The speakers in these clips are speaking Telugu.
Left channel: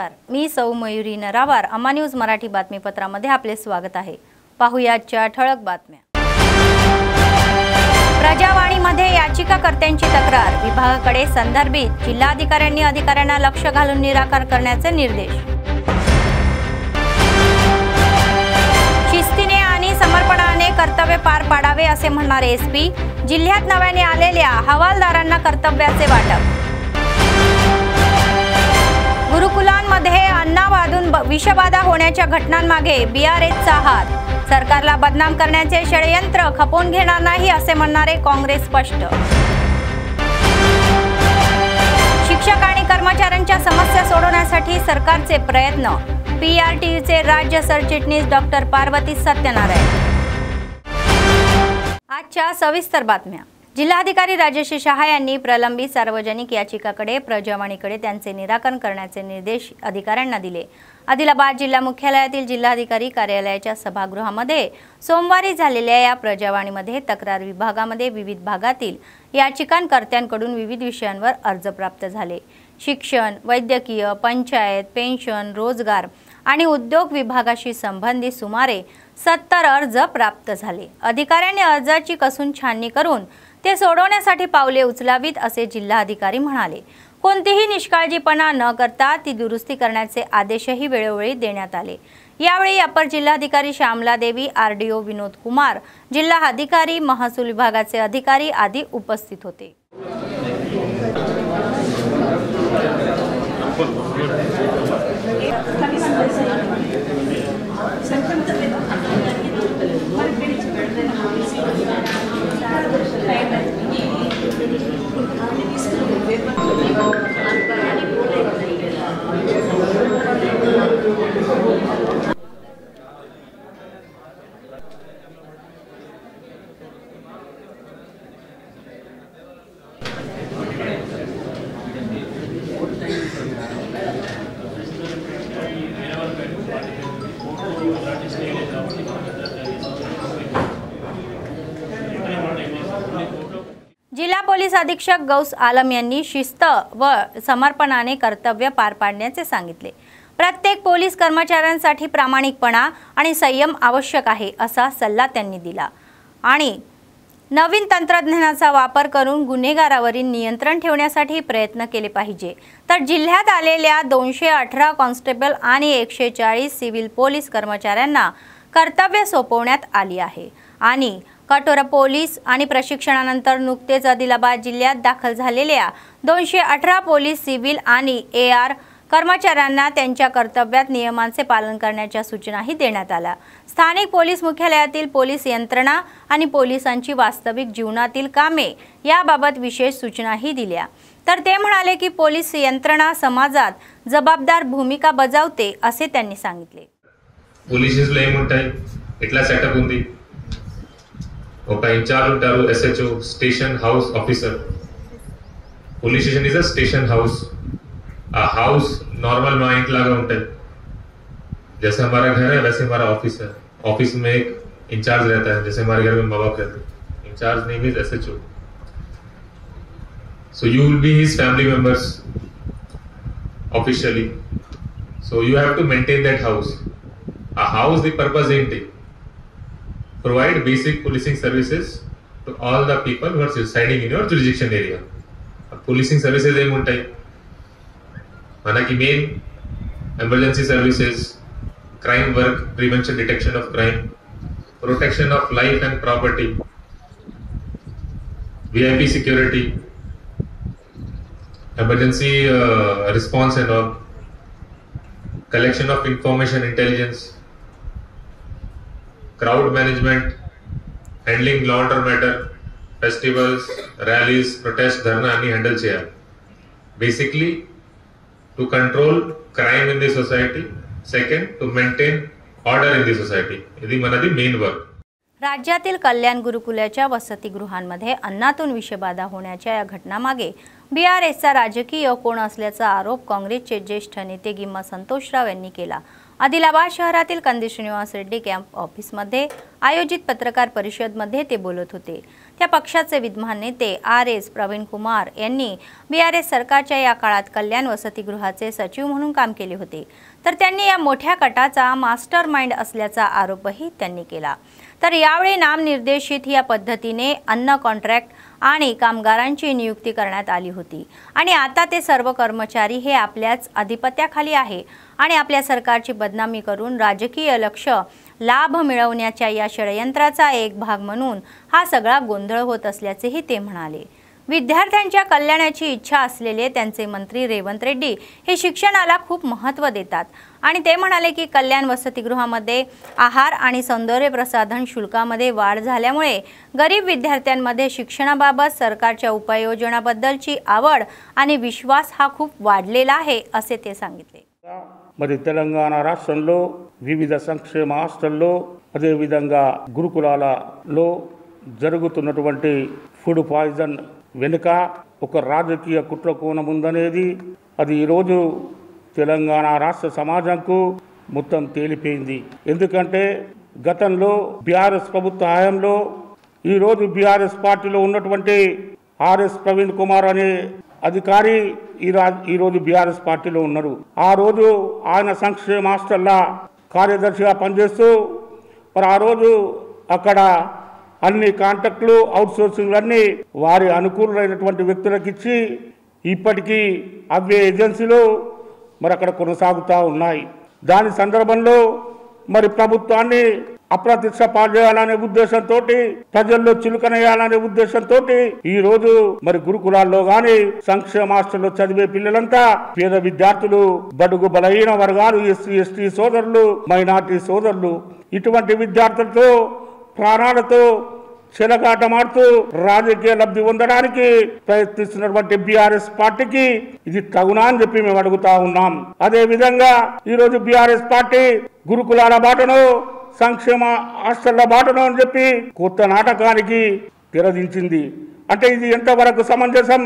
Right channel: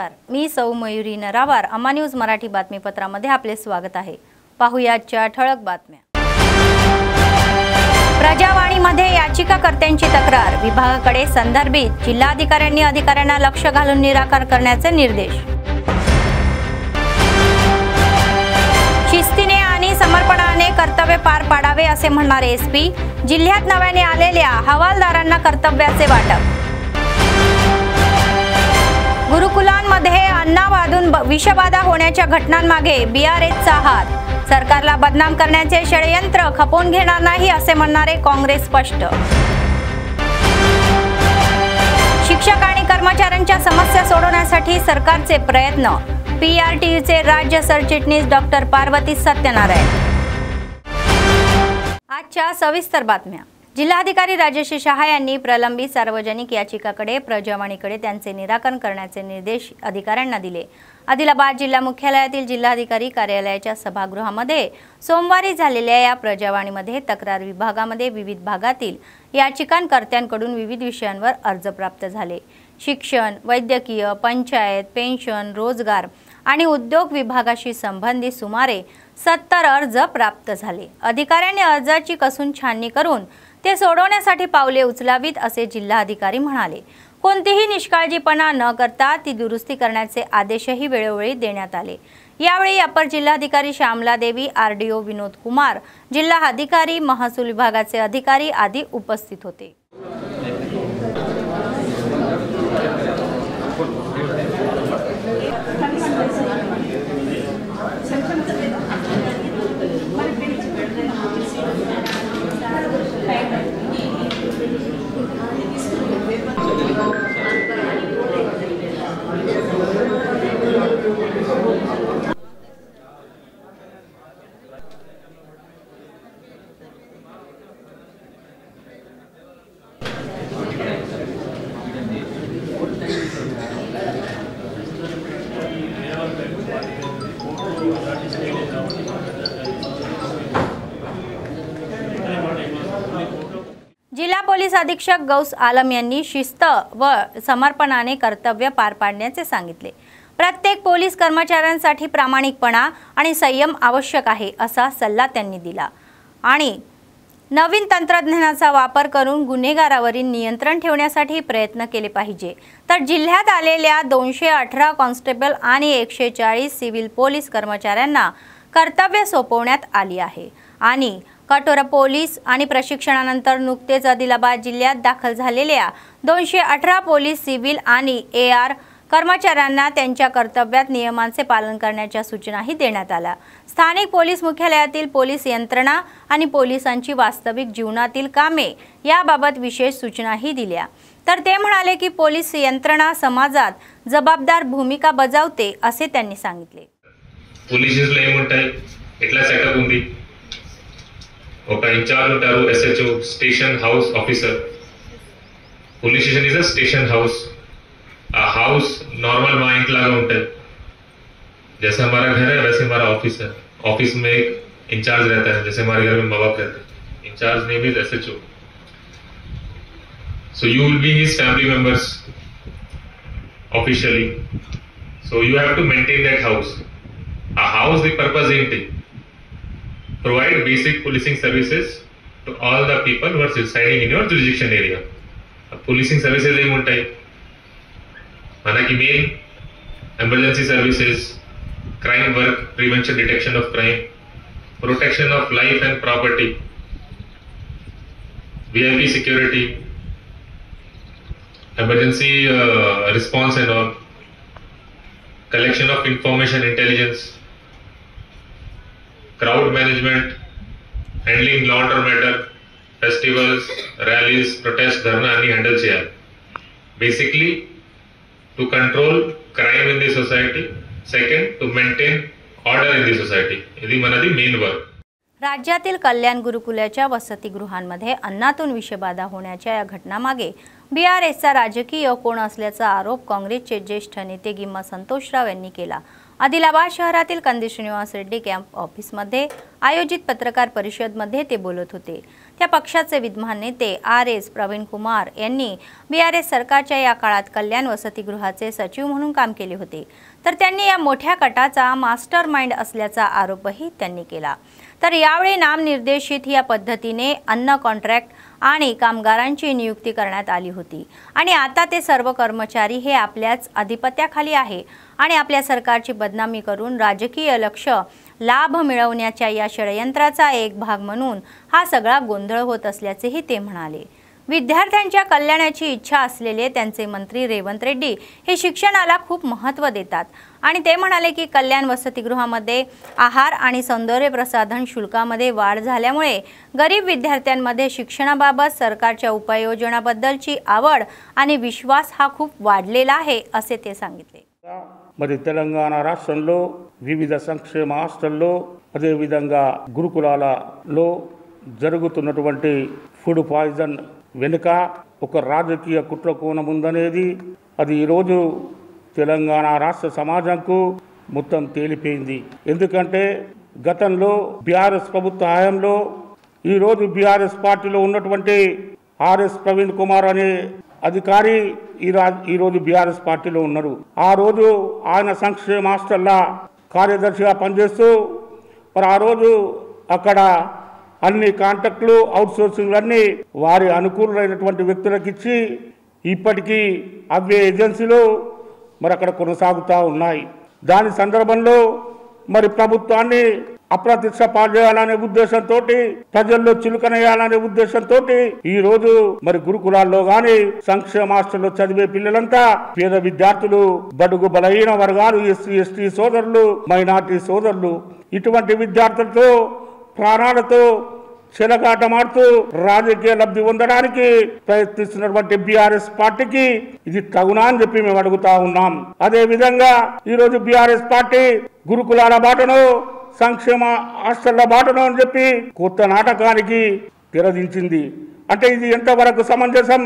नमस्कार, मी सौ मयुरी नरावार। अम्मा न्यूज मराठी बातमीपत्रामध्ये आपले स्वागत आहे। पाहुयाच्या ठळक बातम्या। प्रजावाणीमध्ये याचिकाकर्त्यांची तक्रार, विभागाकडे संदर्भित जिल्हाधिकाऱ्यांनी अधिकाऱ्यांना लक्ष घालून निराकरण करण्याचे निर्देश। शिस्तीने आणि समर्पणाने कर्तव्य पार पाडावे असे म्हणणारे एसपी। जिल्ह्यात नव्याने आलेल्या हवालदारांना कर्तव्याचे वाटप। गुरुकुलांमध्ये अन्नावादून विषबाधा होण्याच्या घटनांमागे बीआरएसचा हात, सरकारला बदनाम करण्याचे षडयंत्र खपवून घेणार नाही असे म्हणणारे काँग्रेस स्पष्ट। शिक्षक आणि कर्मचाऱ्यांच्या समस्या सोडवण्यासाठी सरकारचे प्रयत्न, पीआरटीयूचे राज्य सरचिटणीस डॉक्टर पार्वती सत्यनारायण। आजच्या सविस्तर बातम्या। जिल्हाधिकारी राजेश शहा यांनी प्रलंबित सार्वजनिक याचिकाकडे प्रजावाणीकडे त्यांचे निराकरण करण्याचे निर्देश अधिकाऱ्यांना दिले। आदिलाबाद जिल्हा मुख्यालयातील जिल्हाधिकारी कार्यालयाच्या सभागृहामध्ये सोमवारी झालेल्या या प्रजावाणीमध्ये तक्रार विभागामध्ये विविध भागातील याचिकाकर्त्यांकडून विविध विषयांवर अर्ज प्राप्त झाले। शिक्षण, वैद्यकीय, पंचायत, पेन्शन, रोजगार आणि उद्योग विभागाशी संबंधित सुमारे 70 अर्ज प्राप्त झाले। अधिकाऱ्यांनी अर्जाची कसून छाननी करून ते सोडवण्यासाठी पावले उचलावीत असे जिल्हाधिकारी म्हणाले। कोणतीही निष्काळजीपणा न करता ती दुरुस्ती करण्याचे आदेशही वेळोवेळी देण्यात आले। यावेळी अपर जिल्हाधिकारी श्यामला देवी, आरडीओ विनोद कुमार, जिल्हा अधिकारी, महसूल विभागाचे अधिकारी आदी उपस्थित होते। जिल्हा पोलीस अधीक्षक गौस आलम यांनी शिस्त व समर्पणाने कर्तव्य पार पाडण्याचे सांगितले। प्रत्येक पोलीस कर्मचाऱ्यांसाठी प्रामाणिकपणा आणि संयम आवश्यक आहे असा सल्ला त्यांनी दिला आणि नवीन तंत्रज्ञानाचा वापर करून गुन्हेगारावरील नियंत्रण ठेवण्यासाठी प्रयत्न केले पाहिजे। तर जिल्ह्यात आलेल्या 218 कॉन्स्टेबल आणि 140 सिव्हिल पोलीस कर्मचाऱ्यांना कर्तव्य सोपवण्यात आली आहे आणि कठोर पोलीस आणि प्रशिक्षणानंतर नुकतेच आदिलाबाद जिल्ह्यात दाखल झालेल्या 218 पोलीस, सिव्हिल आणि एआर कर्मचाऱ्यांना त्यांच्या कर्तव्यात नियमांचे पालन करण्याच्या सूचनाही देण्यात आल्या। स्थानिक पोलीस मुख्यालयातील पोलीस यंत्रणा आणि पोलिसांची वास्तविक जीवनातील कामे याबाबत विशेष सूचनाही दिल्या। तर ते म्हणाले की पोलीस यंत्रणा समाजात जबाबदार भूमिका बजावते असे त्यांनी सांगितले। ఒక ఇన్ఛార్జ్ ఉంటారు SHO station house officer. Police station is a station house. आ हाउस नॉर्मल माइंड लागा ఉంటుంది। जैसे हमारा घर है वैसे हमारा ऑफिस है। ऑफिस में एक इंचार्ज रहता है, जैसे हमारे घर में माँ बाप रहते हैं। In charge name is SHO। So you will be his family members officially। So you have to maintain that house। A house the purpose ఏంటి? Provide basic policing services to all the people who are residing in your jurisdiction area। Policing services ఏముంటాయి? మనకి main emergency services, crime work, prevention, detection of crime, protection of life and property, VIP security, emergency response and all, collection of information intelligence, crowd management, handling law and order, festivals, rallies, protests, dharna ani handle cheyali। Basically to control crime in the society, second to maintain order in the society। idi manadi main work। राज्यातील कल्याण गुरुकुलाच्या वसतिगृहांमध्ये अन्नातून विषबाधा होण्याच्या या घटनामागे बीआरएसचा राजकीय कोण असल्याचा आरोप काँग्रेसचे ज्येष्ठ नेते गिम्मा संतोषराव यांनी केला। आदिलाबाद शहरातील कंदी श्रीनिवास रेड्डी कॅम्प ऑफिसमध्ये आयोजित पत्रकार परिषदमध्ये ते बोलत होते। त्या पक्षाचे विद्यमान नेते RS प्रवीण कुमार यांनी BRS सरकारच्या या काळात कल्याण वसतिगृहाचे सचिव म्हणून काम केले होते, तर त्यांनी या मोठ्या कटाचा मास्टर माइंड असल्याचा आरोपही त्यांनी केला। तर यावेळी नामनिर्देशित या पद्धतीने अन्न कॉन्ट्रॅक्ट आणि कामगारांची नियुक्ती करण्यात आली होती आणि आता ते सर्व कर्मचारी हे आपल्याच अधिपत्याखाली आहे आणि आपल्या सरकारची बदनामी करून राजकीय लक्ष लाभ मिळवण्याच्या या षडयंत्राचा एक भाग म्हणून हा सगळा गोंधळ होत असल्याचेही ते म्हणाले। विद्यार्थ्यांच्या कल्याणाची इच्छा असलेले त्यांचे मंत्री रेवंत रेड्डी हे शिक्षणाला खूप महत्त्व देतात आणि ते म्हणाले की कल्याण वसतिगृहामध्ये आहार आणि सौंदर्य प्रसाधन शुल्कामध्ये वाढ झाल्यामुळे गरीब विद्यार्थ्यांमध्ये शिक्षणाबाबत सरकारच्या उपाययोजनाबद्दलची आवड आणि विश्वास हा खूप वाढलेला आहे असे ते सांगितले। మరి తెలంగాణ రాష్ట్రంలో వివిధ సంక్షేమ హాస్టల్లో అదే విధంగా గురుకులాలలో జరుగుతున్నటువంటి ఫుడ్ పాయిజన్ వెనుక ఒక రాజకీయ కుట్ర కోణం ఉందనేది అది ఈరోజు తెలంగాణ రాష్ట్ర సమాజంకు మొత్తం తేలిపోయింది। ఎందుకంటే గతంలో బీఆర్ఎస్ ప్రభుత్వ హయాంలో ఈరోజు బీఆర్ఎస్ పార్టీలో ఉన్నటువంటి RS ప్రవీణ్ కుమార్ అనే అధికారి ఈరోజు బీఆర్ఎస్ పార్టీలో ఉన్నారు। ఆ రోజు ఆయన సంక్షేమ హాస్టల్ల కార్యదర్శిగా పనిచేస్తూ మరి ఆ రోజు అక్కడ అన్ని కాంట్రాక్టులు అవుట్సోర్సింగ్లు అన్నీ వారి అనుకూలమైనటువంటి వ్యక్తులకు ఇచ్చి ఇప్పటికీ అవే ఏజెన్సీలు మరి అక్కడ కొనసాగుతూ ఉన్నాయి। దాని సందర్భంలో మరి ప్రభుత్వాన్ని అప్రతిష్ట పాల్చేయాలనే ఉద్దేశంతో ప్రజల్లో చిలుకనేయాలనే ఉద్దేశంతో ఈ రోజు మరి గురుకులాల్లో గాని సంక్షేమ హాస్టల్లో చదివే పిల్లలంతా పేద విద్యార్థులు, బడుగు బలహీన వర్గాలు, SC ST సోదరులు, మైనార్టీ సోదరులు ఇటువంటి విద్యార్థులతో ప్రాణాలతో చెలగాటమాడుతూ రాజకీయ లబ్ధి పొందడానికి ప్రయత్నిస్తున్నటువంటి BRS పార్టీకి ఇది తగునా అని చెప్పి మేము అడుగుతా ఉన్నాం। అదే విధంగా ఈరోజు BRS పార్టీ గురుకులాల బాటను సంక్షేమ హాస్టళ్ల బాటను అని చెప్పి కొత్త నాటకానికి తెరదించింది। అంటే ఇది ఎంతవరకు సమంజసం?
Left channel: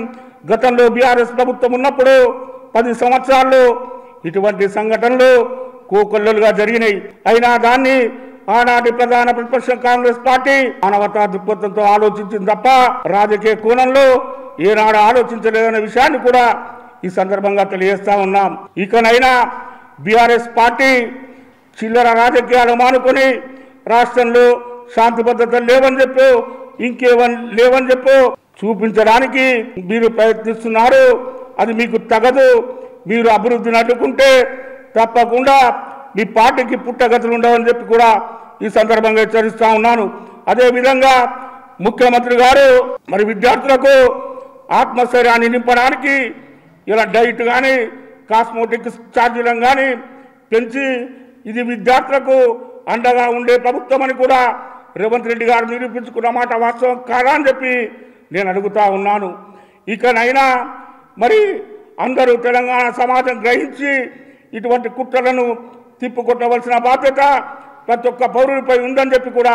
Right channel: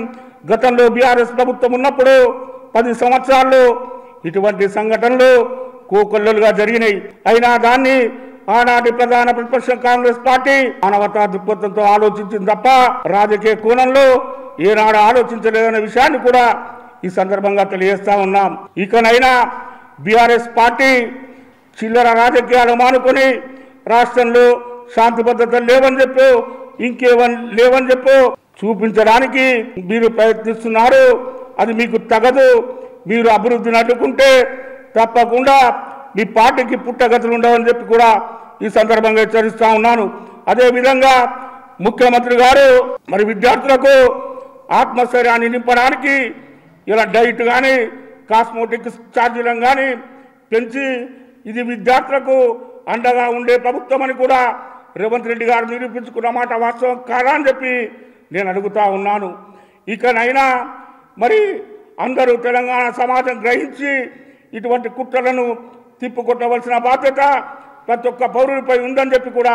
గతంలో BRS ప్రభుత్వం ఉన్నప్పుడు 10 సంవత్సరాల్లో ఇటువంటి సంఘటనలు కోకొల్లలుగా జరిగినాయి। అయినా దాన్ని ఆనాటి ప్రధాన ప్రతిపక్షం కాంగ్రెస్ పార్టీ మానవతా దృక్పథంతో ఆలోచించింది తప్ప రాజకీయ కోణంలో ఏనాడు ఆలోచించలేదనే విషయాన్ని కూడా ఈ సందర్భంగా తెలియజేస్తా ఉన్నాం। ఇకనైనా BRS పార్టీ చిల్లర రాజకీయాలు మానుకొని రాష్ట్రంలో శాంతి భద్రతలు లేవని చెప్పు, లేవని చెప్పు చూపించడానికి మీరు ప్రయత్నిస్తున్నారు। అది మీకు తగదు। మీరు అభివృద్ధిని అడ్డుకుంటే తప్పకుండా మీ పార్టీకి పుట్టగతులు ఉండవని చెప్పి కూడా ఈ సందర్భంగా హెచ్చరిస్తా ఉన్నాను। అదే విధంగా ముఖ్యమంత్రి గారు మరి విద్యార్థులకు ఆత్మస్థైర్యాన్ని నింపడానికి ఇలా డైట్ కానీ కాస్మోటిక్ ఛార్జీలను కానీ పెంచి ఇది విద్యార్థులకు అండగా ఉండే ప్రభుత్వం అని కూడా రేవంత్ రెడ్డి గారు నిరూపించుకున్న మాట వాస్తవం కాదా అని చెప్పి నేను అడుగుతా ఉన్నాను। ఇకనైనా మరి అందరూ తెలంగాణ సమాజం గ్రహించి ఇటువంటి కుట్రలను తిప్పుకొట్టవలసిన బాధ్యత ప్రతి ఒక్క పౌరుడిపై ఉందని చెప్పి కూడా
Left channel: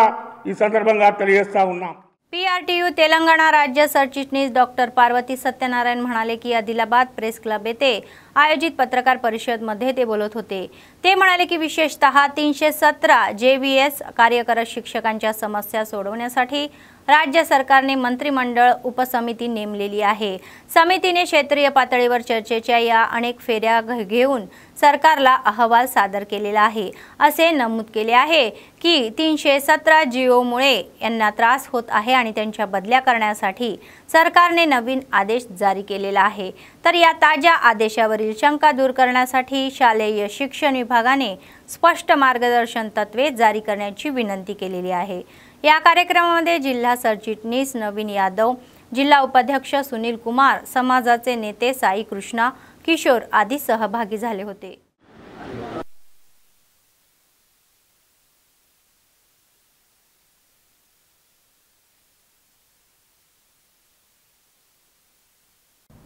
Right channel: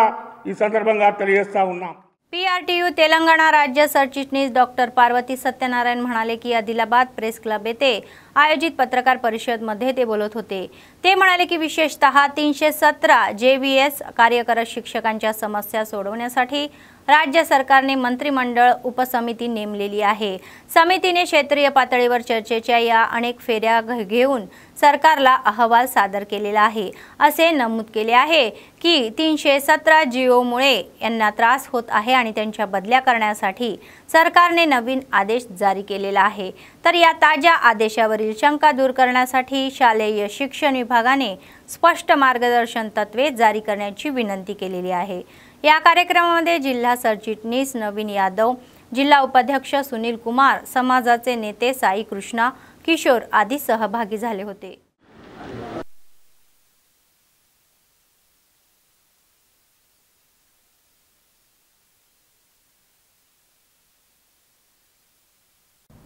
ఈ సందర్భంగా తెలియజేస్తా ఉన్నాం। PRTU तेलंगणा राज्य सरचिटणीस डॉक्टर पार्वती सत्यनारायण म्हणाले की आदिलाबाद प्रेस क्लब येथे आयोजित पत्रकार परिषदमध्ये ते बोलत होते। ते म्हणाले की विशेषतः 317 JVS कार्यरत शिक्षकांच्या समस्या सोडवण्यासाठी राज्य सरकारने मंत्रिमंडळ उपसमिती नेमलेली आहे। समितीने क्षेत्रीय पातळीवर चर्चेच्या या अनेक फेऱ्या घेऊन सरकारला अहवाल सादर केलेला आहे। असे नमूद केले आहे की 317 जीओमुळे यांना त्रास होत आहे आणि त्यांच्या बदल्या करण्यासाठी सरकारने नवीन आदेश जारी केलेला आहे। तर या ताज्या आदेशावरील शंका दूर करण्यासाठी शालेय शिक्षण विभागाने स्पष्ट मार्गदर्शन तत्त्वे जारी करण्याची विनंती केलेली आहे। या कार्यक्रमामध्ये जिल्हा सरचिटणीस नवीन यादव, जिल्हा उपाध्यक्ष सुनील कुमार, समाजाचे नेते साई कृष्णा, किशोर आदी सहभागी झाले होते।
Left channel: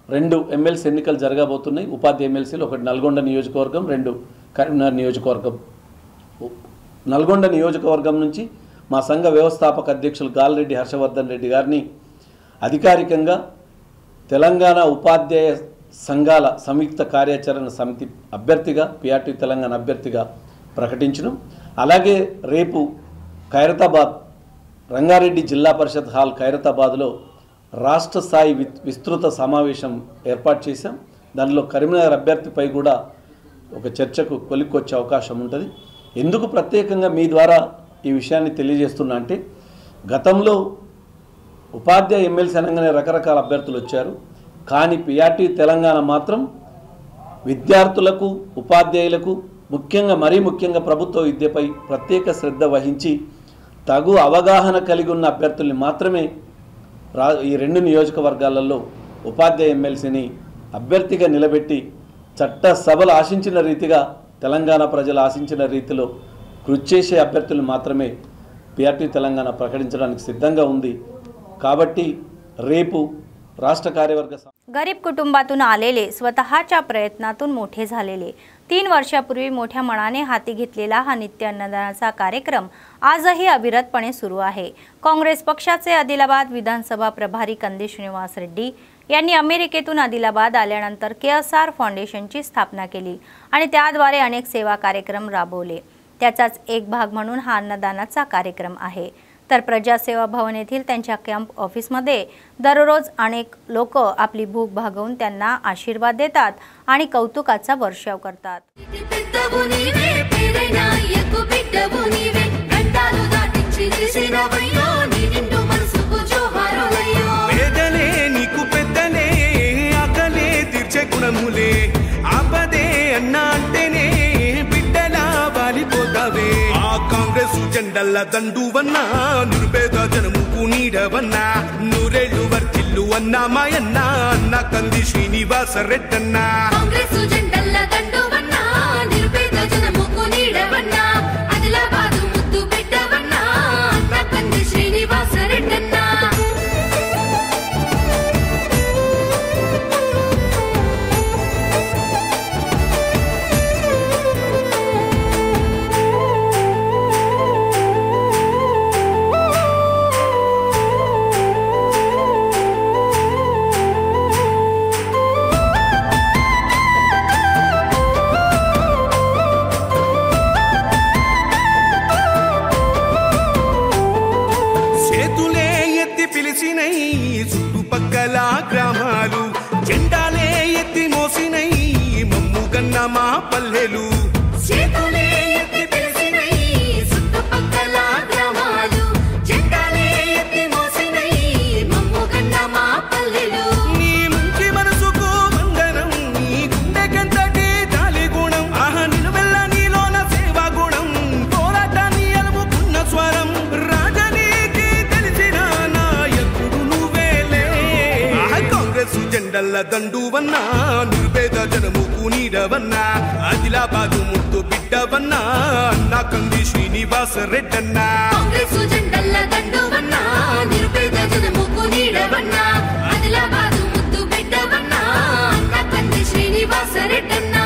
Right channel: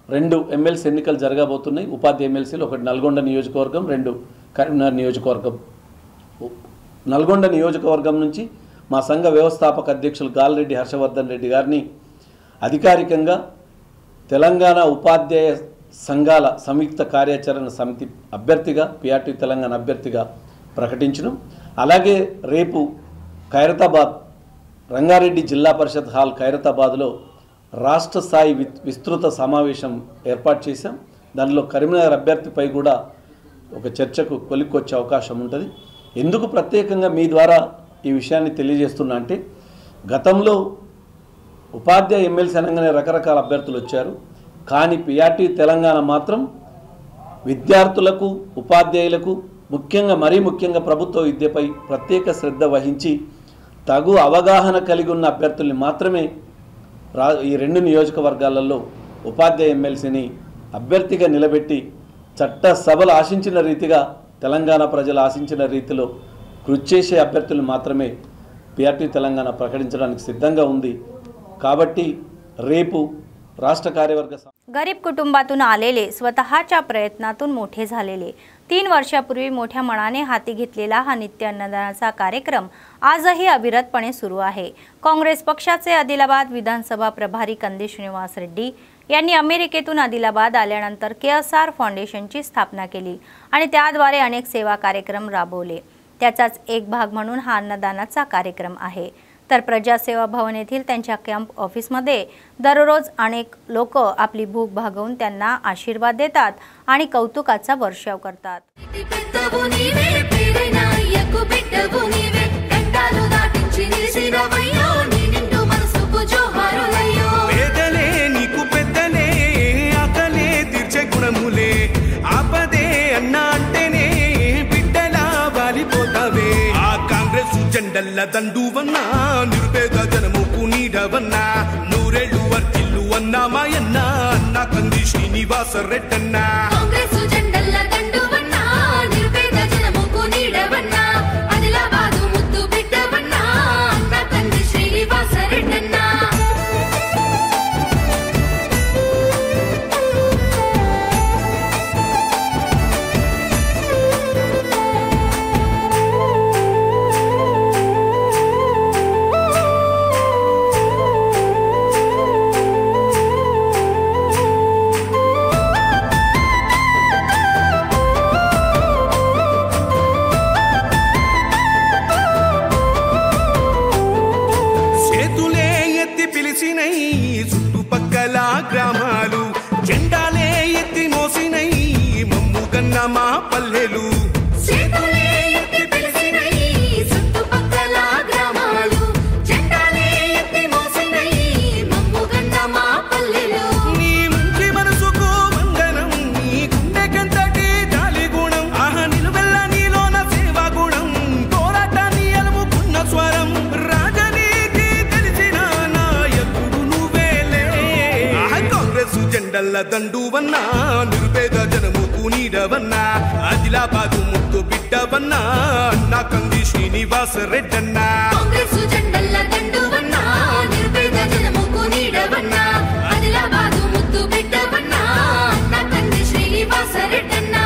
రెండు ఎమ్మెల్సీ ఎన్నికలు జరగబోతున్నాయి। ఉపాధ్యాయ ఎమ్మెల్సీలు ఒకటి నల్గొండ నియోజకవర్గం, రెండు కరీంనగర్ నియోజకవర్గం। నల్గొండ నియోజకవర్గం నుంచి మా సంఘ వ్యవస్థాపక అధ్యక్షులు గాలిరెడ్డి హర్షవర్ధన్ రెడ్డి గారిని అధికారికంగా తెలంగాణ ఉపాధ్యాయ సంఘాల సంయుక్త కార్యాచరణ సమితి అభ్యర్థిగా PRTU తెలంగాణ అభ్యర్థిగా ప్రకటించడం, అలాగే రేపు ఖైరతాబాద్ రంగారెడ్డి జిల్లా పరిషత్ హాల్ ఖైరతాబాద్లో రాష్ట్ర స్థాయి విస్తృత సమావేశం ఏర్పాటు చేశాం. దానిలో కరీంనగర్ అభ్యర్థిపై కూడా ఒక చర్చకు కొలిక్కొచ్చే అవకాశం ఉంటుంది. ఎందుకు ప్రత్యేకంగా మీ ద్వారా ఈ విషయాన్ని తెలియజేస్తున్నా అంటే, గతంలో ఉపాధ్యాయ ఎమ్మెల్సీ అనగానే రకరకాల అభ్యర్థులు వచ్చారు. కానీ పిఆర్టీ తెలంగాణ మాత్రం విద్యార్థులకు, ఉపాధ్యాయులకు, మరీ ముఖ్యంగా ప్రభుత్వ విద్యపై ప్రత్యేక శ్రద్ధ వహించి తగు అవగాహన కలిగి ఉన్న అభ్యర్థుల్ని మాత్రమే ఈ 2 నియోజకవర్గాలలో ఉపాధ్యాయ ఎమ్మెల్సీని అభ్యర్థిగా నిలబెట్టి చట్టసభలు ఆశించిన రీతిగా, తెలంగాణ ప్రజలు ఆశించిన రీతిలో కృషి చేసే అభ్యర్థులు మాత్రమే పిఆర్టీ తెలంగాణ प्रकटिंచడానికి సిద్ధంగా ఉంది. కాబట్టి రేపు राष्ट्र कार्यवर्ग गरीब कुटुंबातून आलेले, स्वतःच्या प्रयत्नातून मोठे झालेले, 3 वर्षापूर्वी मोठ्या मनाने हाती घेतलेला हा नित्य अन्नदानाचा कार्यक्रम आजही अविरतपणे सुरू आहे. काँग्रेस पक्षाचे आदिलाबाद विधानसभा प्रभारी कंदी श्रीनिवास रेड्डी यांनी अमेरिकेतून आदिलाबाद आल्यानंतर केएसआर फाउंडेशनची स्थापना केली आणि त्याद्वारे अनेक सेवा कार्यक्रम राबवले. त्याचाच एक भाग म्हणून हा अन्नदानाचा कार्यक्रम आहे. तर प्रजासेवा भवन येथील त्यांच्या कॅम्प ऑफिसमध्ये दररोज अनेक लोक आपली भूक भागवून त्यांना आशीर्वाद देतात आणि कौतुकाचा वर्षाव करतात. పేదలే నీకు పెద్దలే, ఆకలే తీర్చే గుణములే, ఆపదే అన్న అంటేనే బిడ్డలా వాలిపోతావే. ఆ కాంగ్రెస్ జెండల్ల దండువన్నా, నిర్భేద జనముకు నీడవన్నా, నూరేళ్లు వర్తిల్లు అన్నా మాయన్న, అన్న కంది శ్రీనివాస రెడ్డన్నా. కాంగ్రెస్ జెండల్ల దండువన్నా, నిర్భేద జనముకు నీడవన్నా, ఆదిలాబాదు ముద్దు బిడ్డవన్నా, అన్న కంది శ్రీనివాస రెడ్డన్నా. చుట్టుపక్కల గ్రామాలు జెండాలే ఎత్తి మోసినై, మమ్ముగన్న మా పల్లెలు. చేతులే ఎత్తి పిలిచినై, చుట్టుపక్కల గ్రామాలు జెండాలే ఎత్తి మోసినై, మమ్ముగన్న మా పల్లెలు. నీ మంచి మనసుకు వందనం, నీ గుండెకెంతటి జాలి గుణం, ఆహా నిలువెల్ల నీలోన సేవా గుణం, పోరాటాన్ని అలుముకున్న స్వరం, రాజనీతి తెలిసిన నాయకుడు నువ్వేలే. కాంగ్రెస్ జెండల్ల దండువన్నా, నిర్భేద జనముకు నీడవన్నా, ఆదిలాబాదు ముద్దు బిడ్డవన్నా, అన్న కంది శ్రీనివాస రెడ్డన్నా. కాంగ్రెస్ జెండల్ల దండువన్నా, నిర్భేద జనముకు నీడవన్నా, ఆదిలాబాదు ముద్దు బిడ్డవన్నా, అన్న కంది శ్రీనివాస రెడ్డన్నా.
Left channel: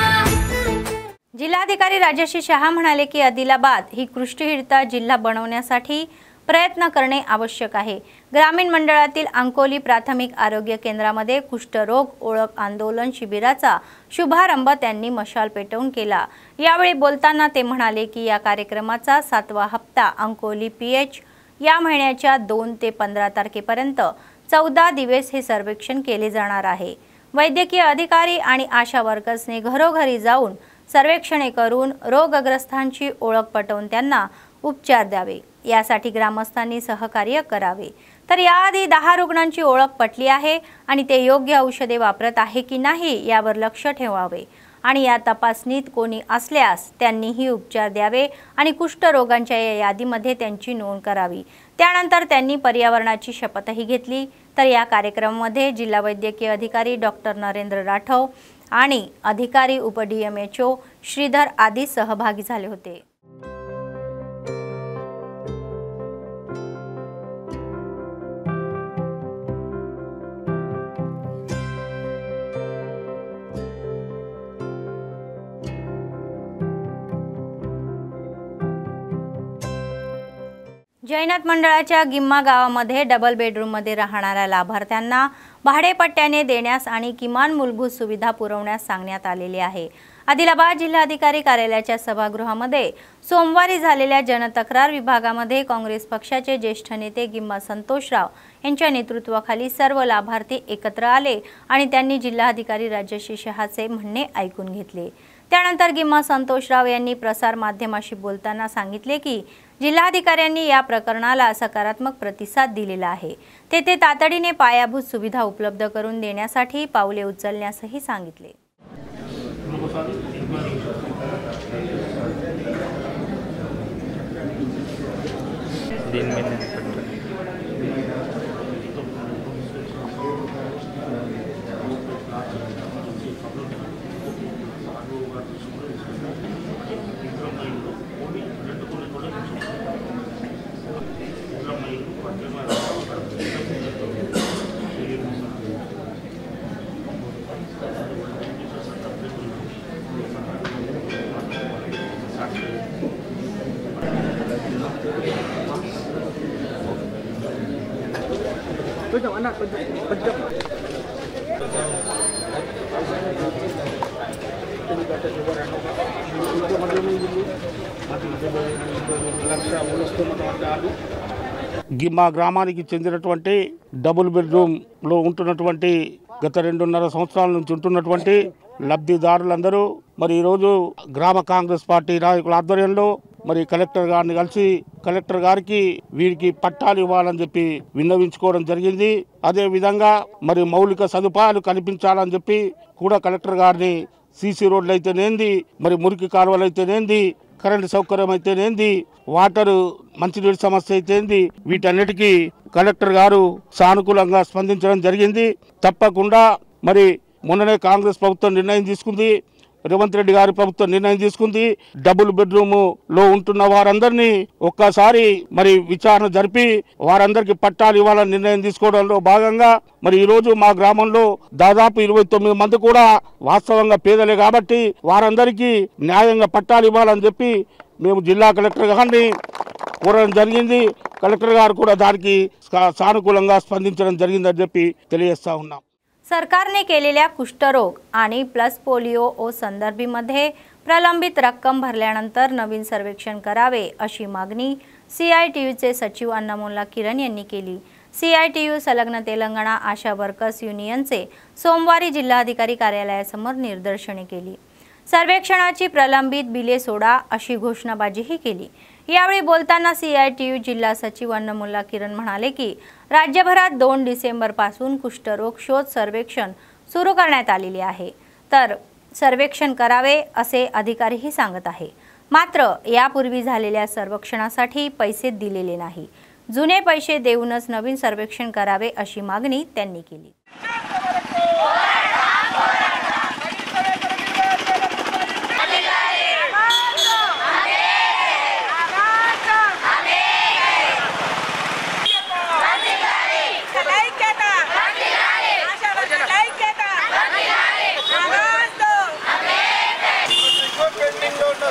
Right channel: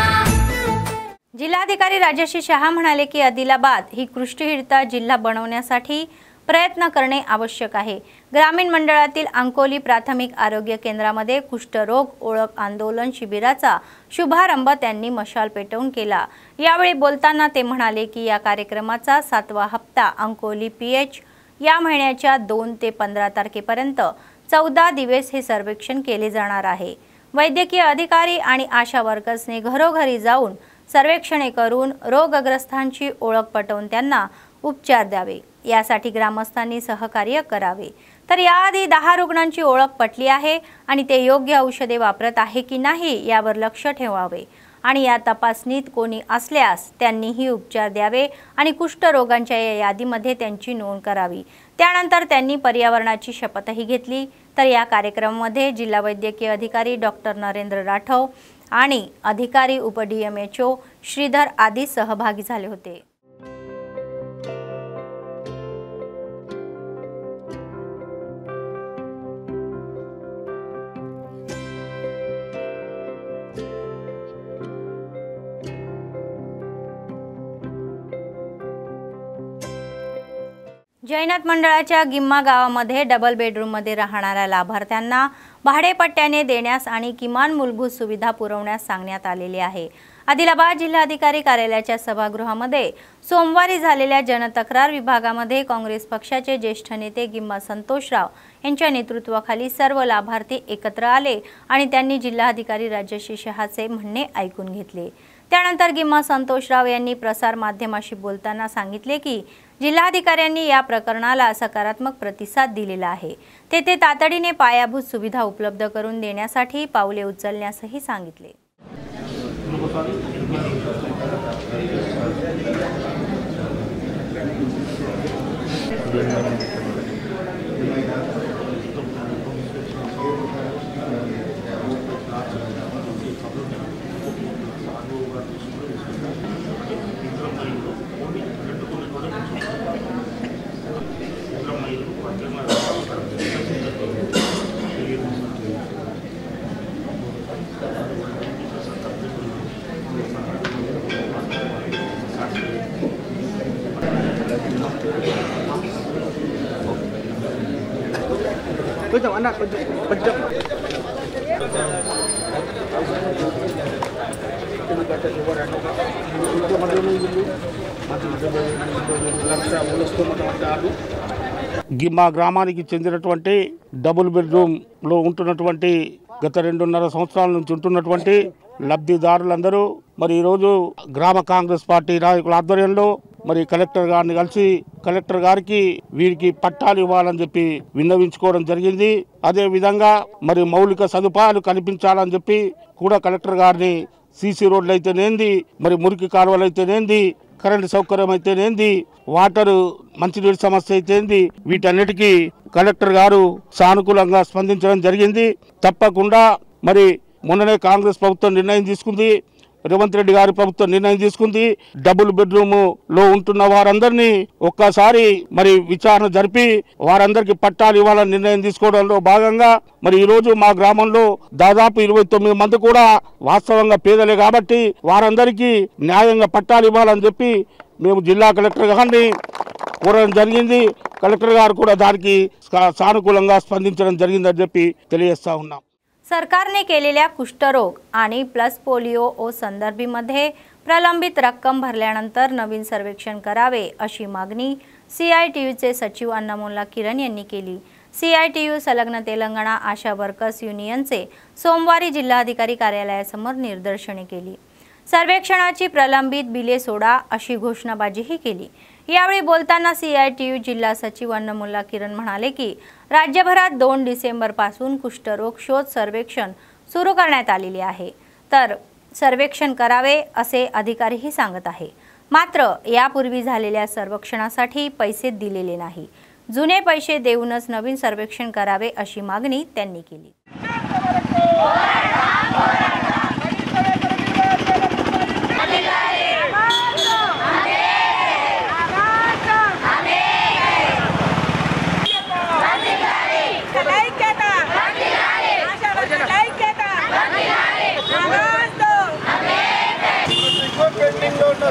जिल्हाधिकारी राजश्री शहा म्हणाले की आदिलाबाद ही कुष्ठहित जिल्हा बनवण्यासाठी प्रयत्न करणे आवश्यक आहे. ग्रामीण मंडळातील अंकोली प्राथमिक आरोग्य केंद्रामध्ये कुष्ठरोग ओळख आंदोलन शिबिराचा शुभारंभ त्यांनी मशाल पेटवून केला. यावेळी बोलताना ते म्हणाले की या कार्यक्रमाचा 7वा हप्ता अंकोली पीएच या महिन्याच्या 2 ते 15 तारखेपर्यंत 14 दिवस हे सर्वेक्षण केले जाणार आहे. वैद्यकीय अधिकारी आणि आशा वर्कर्सने घरोघरी जाऊन सर्वेक्षणे करून रोगग्रस्तांची ओळख पटवून त्यांना उपचार द्यावे, यासाठी ग्रामस्थांनी सहकार्य करावे. तर याआधी 10 रुग्णांची ओळख पटली आहे आणि ते योग्य औषधे वापरत आहे की नाही यावर लक्ष ठेवावे आणि या तपासणीत कोणी असल्यास त्यांनीही उपचार द्यावे आणि कुष्ठरोगांच्या या यादीमध्ये त्यांची नोंद करावी. त्यानंतर त्यांनी पर्यावरणाची शपथही घेतली. तर या कार्यक्रमामध्ये जिल्हा वैद्यकीय अधिकारी डॉक्टर नरेंद्र राठव आणि अधिकारी उप-DMHO श्रीधर आदी सहभागी झाले होते. जैनाथ मंडळाच्या गिम्मा गावामध्ये डबल बेडरूममध्ये राहणाऱ्या लाभार्थ्यांना भाडेपट्ट्याने देण्यास आणि किमान मूलभूत सुविधा पुरवण्यास सांगण्यात आलेले आहे. आदिलाबाद जिल्हाधिकारी कार्यालयाच्या सभागृहामध्ये सोमवारी झालेल्या जनतक्रार विभागामध्ये काँग्रेस पक्षाचे ज्येष्ठ नेते गिम्मा संतोषराव यांच्या नेतृत्वाखाली सर्व लाभार्थी एकत्र आले आणि त्यांनी जिल्हाधिकारी राजश्री शहाचे म्हणणे ऐकून घेतले। त्यानंतर गिम्मा संतोषराव यांनी प्रसार माध्यमाशी बोलताना सांगितले की जिल्हाधिकाऱ्यांनी या प्रकरणाला सकारात्मक प्रतिसाद दिलेला आहे। तेथे तातडीने पायाभूत सुविधा उपलब्ध करून देण्यासाठी पावले उचलण्यासही सांगितले। గిమ్మా గ్రామానికి చెందినటువంటి డబుల్ బెడ్రూమ్ లో ఉంటున్నటువంటి గత 2.5 సంవత్సరాల నుంచి ఉంటున్నటువంటి లబ్ధిదారులందరూ మరి ఈ రోజు గ్రామ కాంగ్రెస్ పార్టీ నాయకుల ఆధ్వర్యంలో మరి కలెక్టర్ గారిని కలిసి కలెక్టర్ గారికి వీరికి పట్టాలు ఇవ్వాలని చెప్పి విన్నవించుకోవడం జరిగింది। అదే విధంగా మరి మౌలిక సదుపాయాలు కల్పించాలని చెప్పి కూడా కలెక్టర్ గారిని సీసీ రోడ్లు అయితేనేంది మరి మురికి కాలువలు అయితేనేంది కరెంటు సౌకర్యం అయితేనేంది వాటర్ మంచినీటి సమస్య అయితేంది వీటన్నిటికీ కలెక్టర్ గారు సానుకూలంగా స్పందించడం జరిగింది। తప్పకుండా మరి మొన్ననే కాంగ్రెస్ ప్రభుత్వం నిర్ణయం తీసుకుంది, రేవంత్ రెడ్డి గారి ప్రభుత్వం నిర్ణయం తీసుకుంది। డబుల్ బెడ్రూమ్ లో ఉంటున్న వారందరినీ ఒక్కసారి మరి విచారణ జరిపి వారందరికీ పట్టాలు ఇవ్వాలని నిర్ణయం తీసుకోవడంలో భాగంగా మరి ఈ రోజు మా గ్రామంలో దాదాపు 29 మంది కూడా వాస్తవంగా పేదలే కాబట్టి వారందరికీ న్యాయంగా పట్టాలు ఇవ్వాలని చెప్పి మేము జిల్లా కలెక్టర్ గారిని కోరడం జరిగింది। కలెక్టర్ గారు కూడా దానికి సానుకూలంగా స్పందించడం జరిగిందని చెప్పి తెలియజేస్తా ఉన్నాం। सरकारने केलेल्या कुष्ठरोग आणि प्लस पोलिओ ओ संदर्भामध्ये प्रलंबित रक्कम भरल्यानंतर नवीन सर्वेक्षण करावे अशी मागणी CITUचे सचिव अन्नामोल्ला किरण यांनी केली। CITU संलग्न तेलंगणा आशा वर्कर्स युनियनचे सोमवारी जिल्हाधिकारी कार्यालयासमोर निदर्शने केली। सर्वेक्षणाची प्रलंबित बिले सोडा अशी घोषणाबाजीही केली। यावेळी बोलताना CITU जिल्हा सचिव अन्नामोल्ला किरण म्हणाले की राज्यभरात 2 डिसेंबर पासून कुष्ठरोग शोध सर्वेक्षण सुरू करण्यात आलेले आहे, तर सर्वेक्षण करावे असे अधिकारीही सांगत आहे। मात्र यापूर्वी झालेल्या सर्वेक्षणासाठी पैसे दिलेले नाही, जुने पैसे देऊनच नवीन सर्वेक्षण करावे अशी मागणी त्यांनी केली।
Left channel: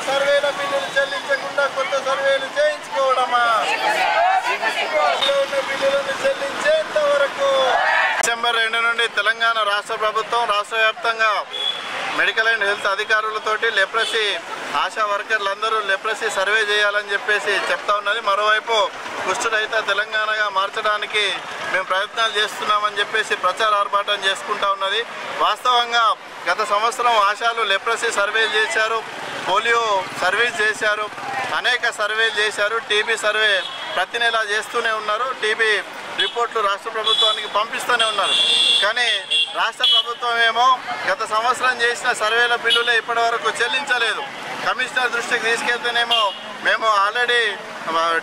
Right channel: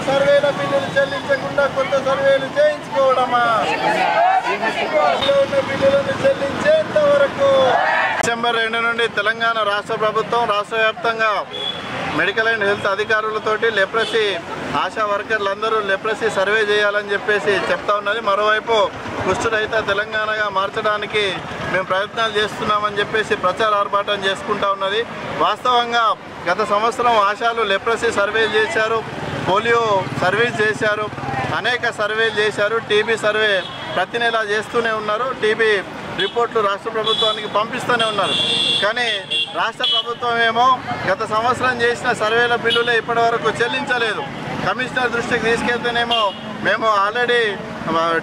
సర్వేల బిల్లులు చెల్లించకుండా కొత్త సర్వేలు చేయించుకోవడమా? బిల్లులను చెల్లించేంత వరకు డిసెంబర్ 2 నుండి తెలంగాణ రాష్ట్ర ప్రభుత్వం రాష్ట్ర వ్యాప్తంగా మెడికల్ అండ్ హెల్త్ అధికారులతోటి లెప్రసీ ఆశా వర్కర్లందరూ లెప్రసీ సర్వే చేయాలని చెప్పేసి చెప్తా ఉన్నది। మరోవైపు కుష్ఠరహిత తెలంగాణగా మార్చడానికి మేము ప్రయత్నాలు చేస్తున్నామని చెప్పేసి ప్రచార ఆర్భాటం చేసుకుంటా ఉన్నది। వాస్తవంగా గత సంవత్సరం ఆశాలు లెప్రసీ సర్వేలు చేశారు, పోలియో సర్వీస్ చేశారు, అనేక సర్వేలు చేశారు, టీబీ సర్వే ప్రతి నెల చేస్తూనే ఉన్నారు, టీబీ రిపోర్ట్లు రాష్ట్ర ప్రభుత్వానికి పంపిస్తూనే ఉన్నారు। కానీ రాష్ట్ర ప్రభుత్వం ఏమో గత సంవత్సరం చేసిన సర్వేల బిల్లులే ఇప్పటి వరకు చెల్లించలేదు। కమిషనర్ దృష్టికి తీసుకెళ్తేనేమో మేము ఆల్రెడీ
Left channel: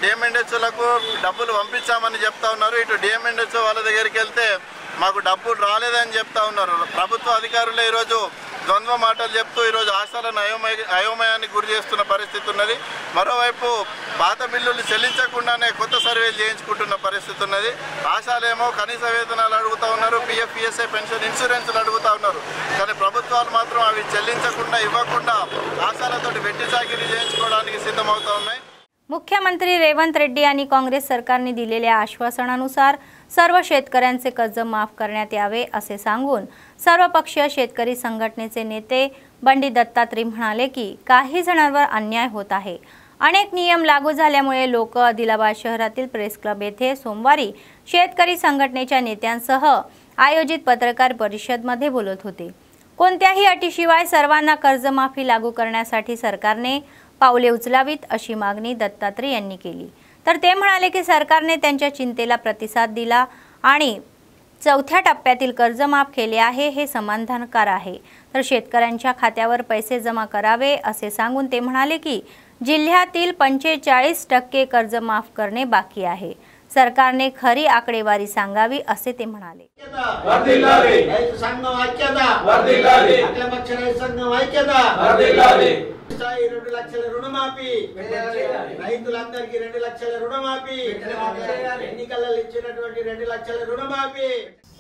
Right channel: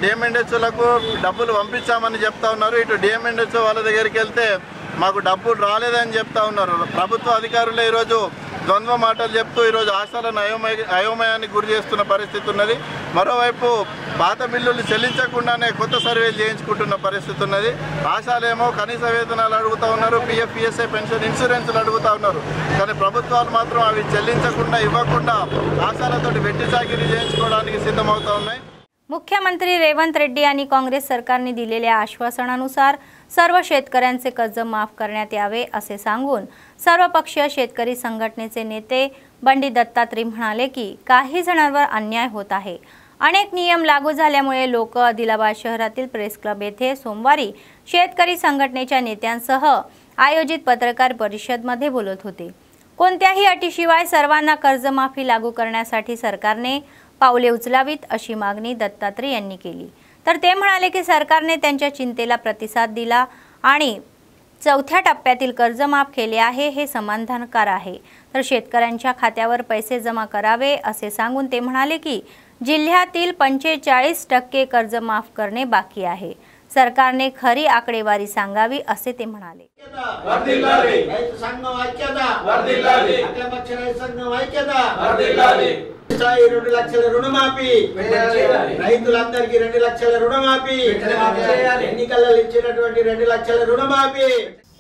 డిఎంఎన్హెచ్లకు డబ్బులు పంపించామని చెప్తా ఉన్నారు, ఇటు డిఎంఎన్హెచ్ వాళ్ళ దగ్గరికి వెళ్తే మాకు డబ్బులు రాలేదని చెప్తా ఉన్నారు। ప్రభుత్వ అధికారులే ఈరోజు ద్వంద్వ మాటలు చెప్తూ ఈరోజు ఆశాలను అయోమయానికి గురి చేస్తున్న పరిస్థితి ఉన్నది। మరోవైపు పాత బిల్లులు చెల్లించకుండానే కొత్త సర్వేలు చేయించుకుంటున్న పరిస్థితి ఉన్నది। ఆశాలేమో కనీస వేతనాలు అడుగుతా ఉన్నారు, PF PSI పెన్షన్ ఇన్సూరెన్స్లు అడుగుతా ఉన్నారు, కానీ ప్రభుత్వాలు మాత్రం అవి చెల్లించకుండా ఇవ్వకుండా ఆశాలతోటి వెట్టి చాకిరీ చేయించుకోవడానికి సిద్ధమవుతా ఉన్నాయి। मुख्यमंत्री रेवंत रेड्डी आणि काँग्रेस सरकारने दिलेल्या आश्वासनानुसार सर्व शेतकऱ्यांचे कर्ज माफ करण्यात यावे असे सांगून सर्वपक्षीय शेतकरी संघटनेचे नेते बंडी दत्तात्रय म्हणाले की काही जणांवर अन्याय होत आहे। अनेक नियम लागू झाल्यामुळे लोक आदिलाबाद शहरातील प्रेस क्लब येथे सोमवारी शेतकरी संघटनेच्या नेत्यांसह आयोजित पत्रकार परिषदेमध्ये बोलत होते। कोणत्याही अटीशिवाय सर्वांना कर्जमाफी लागू करण्यासाठी सरकारने पावले उचलावीत अशी मागणी दत्तात्रय यांनी केली। तर ते म्हणाले की सरकारने त्यांच्या चिंतेला प्रतिसाद दिला आणि चौथ्या टप्प्यातील कर्ज माफ केले आहे, हे समाधानकारक आहे। तर शेतकऱ्यांच्या खात्यावर पैसे जमा करावे असे सांगून ते म्हणाले की जिल्ह्यातील 45% कर्ज माफ करणे बाकी आहे। सरकारने खरी आकडेवारी सांगावी असे ते म्हणाले।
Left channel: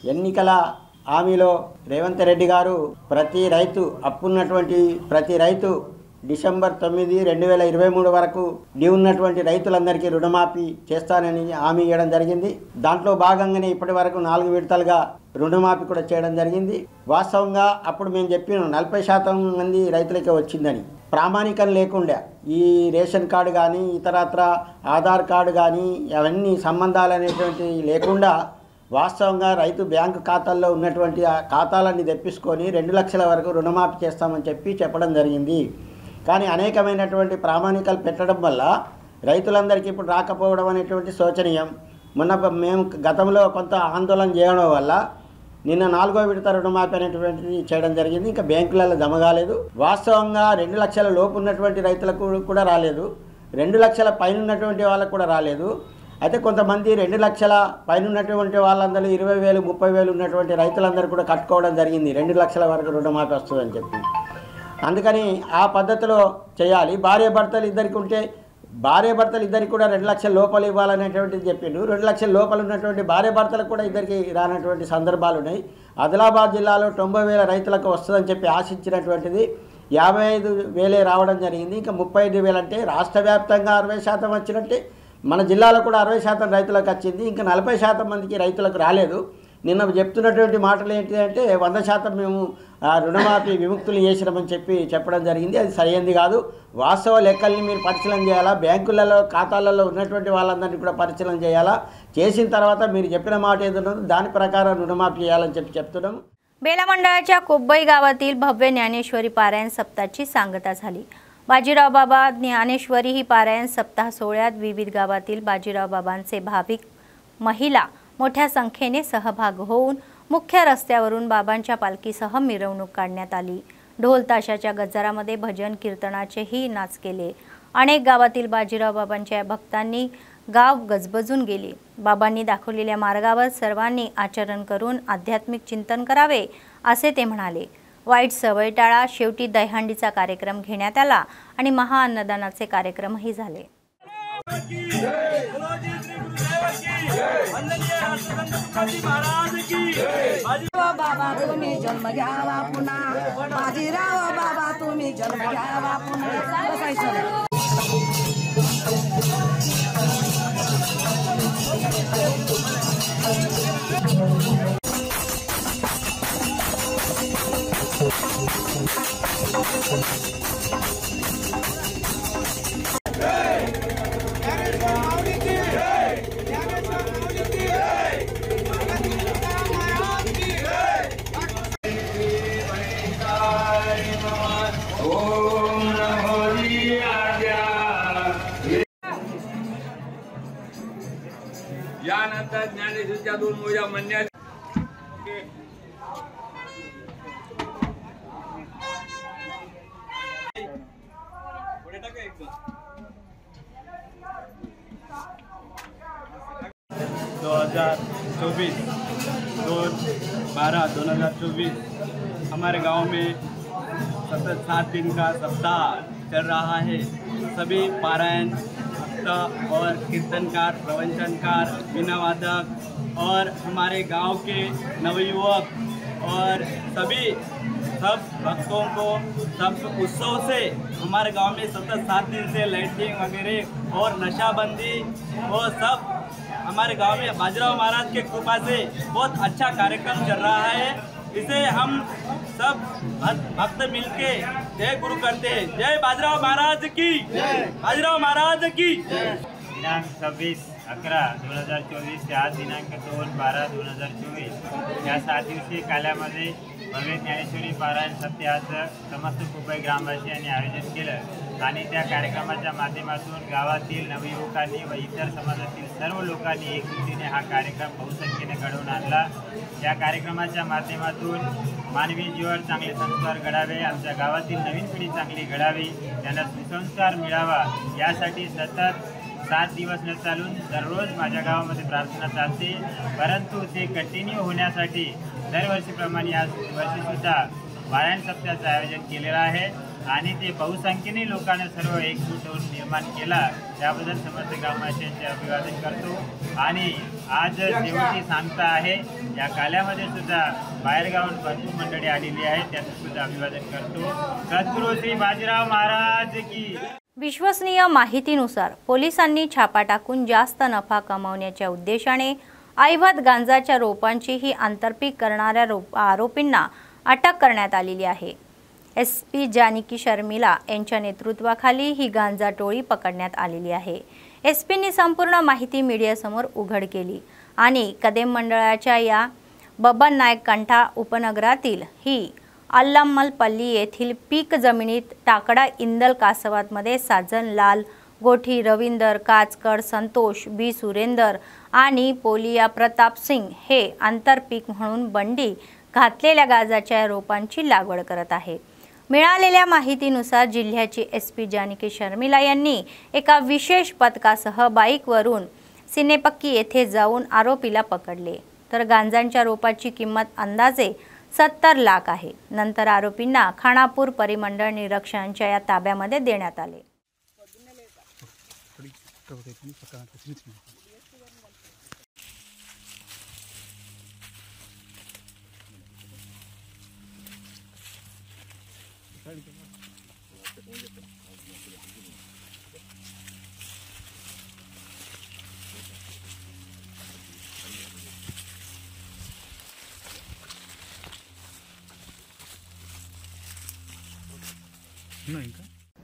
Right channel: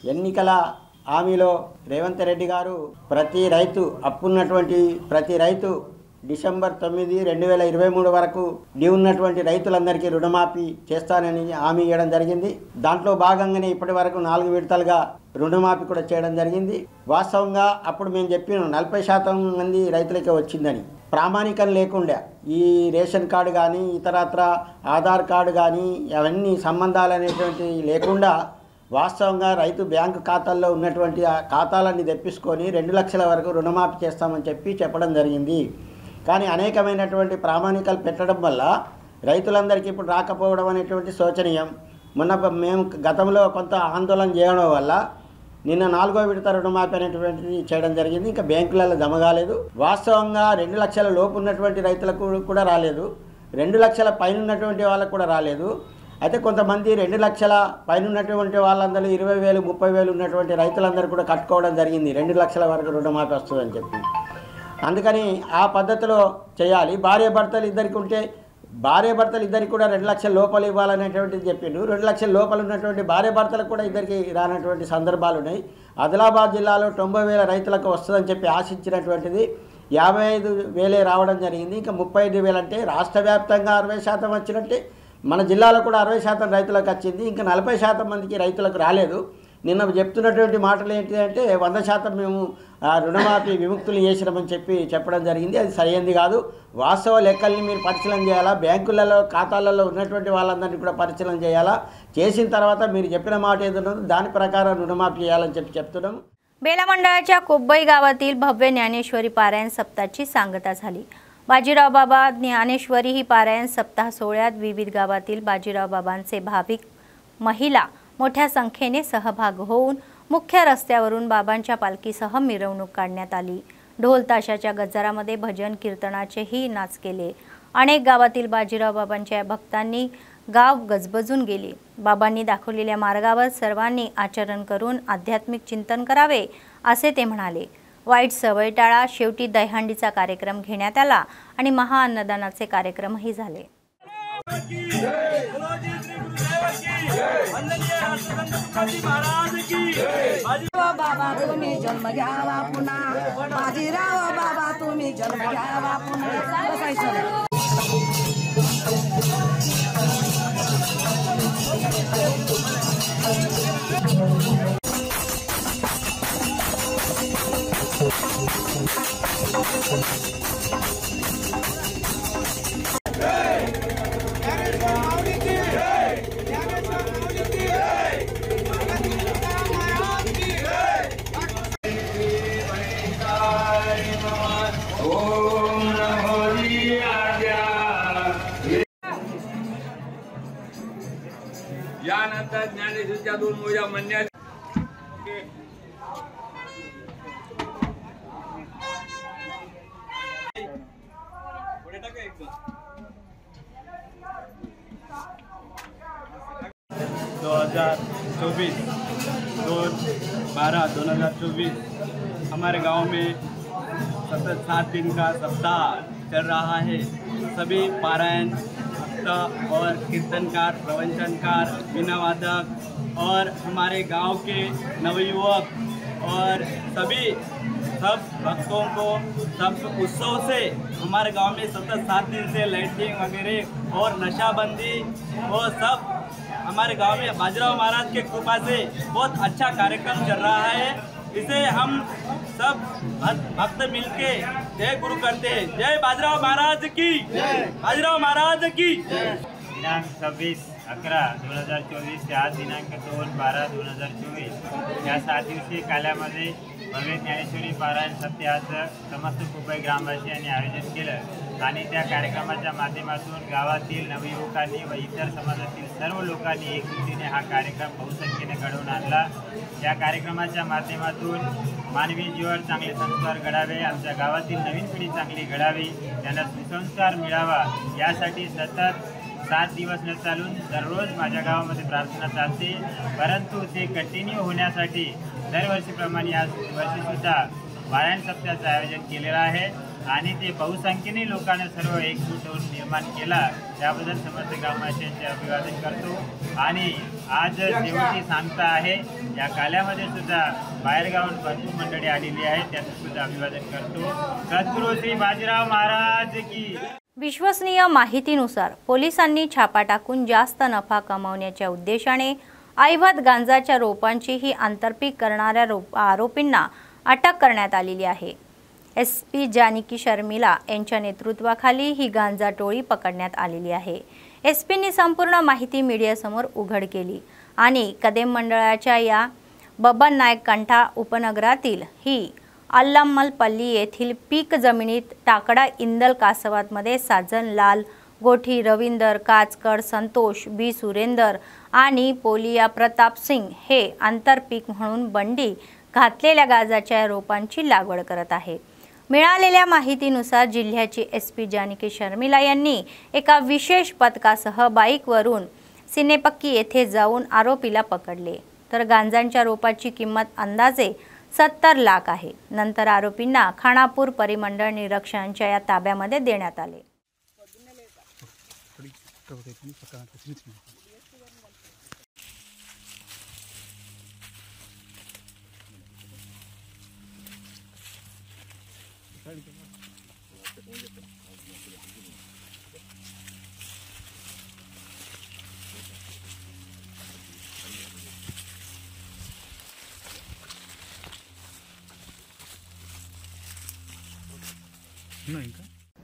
ఎన్నికల హామీలో రేవంత్ రెడ్డి గారు ప్రతి రైతు అప్పున్నటువంటి ప్రతి రైతు డిసెంబర్ 9, 2023 వరకు డ్యూ ఉన్నటువంటి రైతులందరికీ రుణమాఫీ చేస్తానని హామీ ఇవ్వడం జరిగింది। దాంట్లో భాగంగానే ఇప్పటి వరకు 4 విడతలుగా రుణమాఫీ కూడా చేయడం జరిగింది। వాస్తవంగా అప్పుడు మేము చెప్పినాం 40% మంది రైతులకే వచ్చిందని। ప్రామాణికం లేకుండా ఈ రేషన్ కార్డు కానీ ఇతరత్ర ఆధార్ కార్డు కానీ అవన్నీ సంబంధాలు అనేటువంటి లేకుండా వాస్తవంగా రైతు బ్యాంకు ఖాతాల్లో ఉన్నటువంటి ఆ ఖాతాలన్నీ తెప్పించుకొని 2 లక్షల వరకు రుణమాఫీ చేస్తామని చెప్పడం జరిగింది। కానీ అనేకమైనటువంటి ప్రామాణికాలు పెట్టడం వల్ల రైతులందరికీ ఇప్పుడు రాకపోవడం అనేటువంటి శోచనీయం। మొన్న మేము గతంలో కొంత ఆందోళన చేయడం వల్ల నిన్న 4వ విడత రుణమాఫీ అనేటువంటిది చేయడం జరిగింది। ఇంకా బ్యాంకులలో జమ కాలేదు। వాస్తవంగా 2 లక్షల లోపు ఉన్నటువంటి రైతులకు కూడా రాలేదు, 2 లక్షల పైన ఉన్నటువంటి వాళ్ళకు కూడా రాలేదు। అయితే కొంతమంది 2 లక్షల పైన ఉన్నటువంటి వాళ్ళందరూ 20,000, 30,000 ఉన్నటువంటి రైతులందరూ కూడా కట్టుకోవడం జరిగింది 2 లక్షల వరకు రుణమాఫీ వస్తుందని చెప్పి। అందుకని ఆ పద్ధతిలో చేయాలి। భార్యాభర్తలు ఇద్దరికి ఉంటే భార్యాభర్తలు ఇద్దరికి కూడా 2 లక్షల లోపల ఇవ్వాలనేటువంటిది చెప్పిండు। 2 లక్షల లోపల ఉన్నటువంటి భార్యాభర్తలకు కూడా ఇద్దరికి రానటువంటి సందర్భాలు ఉన్నాయి। ఆదిలాబాద్ జిల్లాలో 90,000 రైతులకు వస్తుందని చెప్పి ఆశించినటువంటిది 55,000 రావడం జరిగింది। ఇంకా 35,000 అంటే రాష్ట్ర వ్యాప్తంగా 60% వచ్చినట్టే మన జిల్లాలో కూడా 60% రైతులకు వచ్చింది। ఇంకా 40% మందికి రైతులకు రాలేదు। నిన్న చెప్తున్నటువంటి మాటలు ఏంటి అంటే 100% మేము రుణమాఫీ విముక్తులు చేసినామని చెప్పడం జరిగింది। అది సరైనది కాదు। వాస్తవ లెక్కల్ని మీరు పరిశీలన చేయాలా, బ్యాంకులలో ఖాతాలలో ఉన్నటువంటి వాళ్ళందరినీ కూడా పరిశీలన చేయాలా। చేసిన తర్వాత మీరు చెప్పిన మాట ఏదైనా దాని ప్రకారం రుణమాఫీ చేయాలని చెప్తున్నాము। बेला मंडळाच्या कोब्बई गावातील भव्य ज्ञानेश्वरी पारायण सप्ताहाची सांगता झाली। बाजीराव बाबा ज्ञानेश्वरी ही पारायण सप्ताह सोहळ्यात विविध गावातील बाजीराव बाबांचे भाविक महिला मोठ्या संख्येने सहभाग होऊन मुख्य रस्त्यावरून बाबांच्या पालखीसह मिरवणूक काढण्यात आली। ढोल ताशाच्या गजरामध्ये भजन कीर्तनाचेही नाच केले। अनेक गावातील बाजीराव बाबांच्या भक्तांनी गाव गजबजून गेले। बाबांनी दाखवलेल्या मार्गावर सर्वांनी आचरण करून आध्यात्मिक चिंतन करावे असे ते म्हणाले। वाईट सवय टाळा। शेवटी दहीहंडीचा कार्यक्रम घेण्यात आला आणि महाअन्नदानाचे कार्यक्रमही झाले। बाबा तुम्ही जन्म घ्यावा पुन्हा, बाजीराव बाबा तुम्ही जन्म घ्यावा पुन्हा। यानंतर ज्ञानेश्वरीच्या 2 मोजा म्हणण्यात हमारे गांव में सतत 7 दिन का सप्ताह चल रहा है। सभी पारायण और कीर्तनकार, प्रवचनकार, वीणा वादक और हमारे गांव के नवयुवक और सभी सब भक्तों को सब उत्सव से हमारे गांव में सतत 7 दिन से लाइटिंग वगैरह और नशाबंदी और सब हमारे गांव में बाजीराव महाराज के कृपा से बहुत अच्छा कार्यक्रम चल रहा है। इसे हम सब भक्त मिलके जय गुरु करते हैं। जय बाजीराव महाराज की, बाजीराव महाराज की। दिनांक 26/11/2024 ते आज दिनांक 2/12/2024 या 7 दिवसीय कालामध्ये भव्य ज्ञानेश्वरी पारायण सप्ताहाचं समस्त कुपई ग्रामवासियांनी आयोजन केलं आणि त्या कार्यक्रमाच्या माध्यमातून गावातील नवयुवकांनी व इतर समाजातील सर्व लोकांनी एकजुटीने हा कार्यक्रम बहुसंख्येने घडवून आणला। या कार्यक्रमाच्या माध्यमातून मानवी जीवावर चांगले संस्कार घडावे, आमच्या गावातील नवीन पिढी चांगली घडावी, त्यांना सुसंस्कार मिळावा यासाठी सतत 7 दिवस न चालून दररोज माझ्या गावामध्ये प्रार्थना चालते। परंतु ते कंटिन्यू होण्यासाठी दरवर्षीप्रमाणे आज वर्षीसुद्धा पारायण सप्ताहाचं आयोजन केलेलं आहे आणि ते बहुसंख्येने लोकांनी सर्व एकजूट होऊन निर्माण केला, त्याबद्दल समस्त ग्रामवासियांचे अभिवादन करतो। आणि आज शेवटी सांगता आहे, या काल्यामध्ये सुद्धा बाहेरगावून भरपूर मंडळी आलेली आहेत, त्यांचं सुद्धा अभिवादन करतो। सद्गुरू श्री बाजीराव महाराज की। विश्वसनीय माहितीनुसार पोलिसांनी छापा टाकून जास्त नफा कमावण्याच्या उद्देशाने अवैध गांजाच्या रोपांची ही आंतरपीक करणाऱ्या आरोपींना अटक करण्यात आलेली आहे। SP जानकी शर्मिला यांच्या नेतृत्वाखाली ही गांजा टोळी पकडण्यात आलेली आहे। SPनी संपूर्ण माहिती मीडियासमोर उघड केली आणि कदेम मंडळाच्या या बबन नायक कंठा उपनगरातील ही अल्लमलपल्ली येथील पीक जमिनीत टाकडा इंदल कासवातमध्ये साजन लाल गोठी, रविंदर काचकर, संतोष बी सुरेंदर आणि पोलिया प्रताप सिंग हे आंतरपीक म्हणून बंडी घातलेल्या गांजाच्या रोपांची लागवड करत आहे। मिळालेल्या माहितीनुसार जिल्ह्याची SP जानकी शर्मिला यांनी एका विशेष पथकासह बाईकवरून सिनेपक्की येथे जाऊन आरोपीला पकडले, तर गांजांच्या रोपाची किंमत अंदाजे 70 लाख आहे। नंतर आरोपींना खानापूर परिमंडळ निरीक्षकांच्या या ताब्यामध्ये देण्यात आले।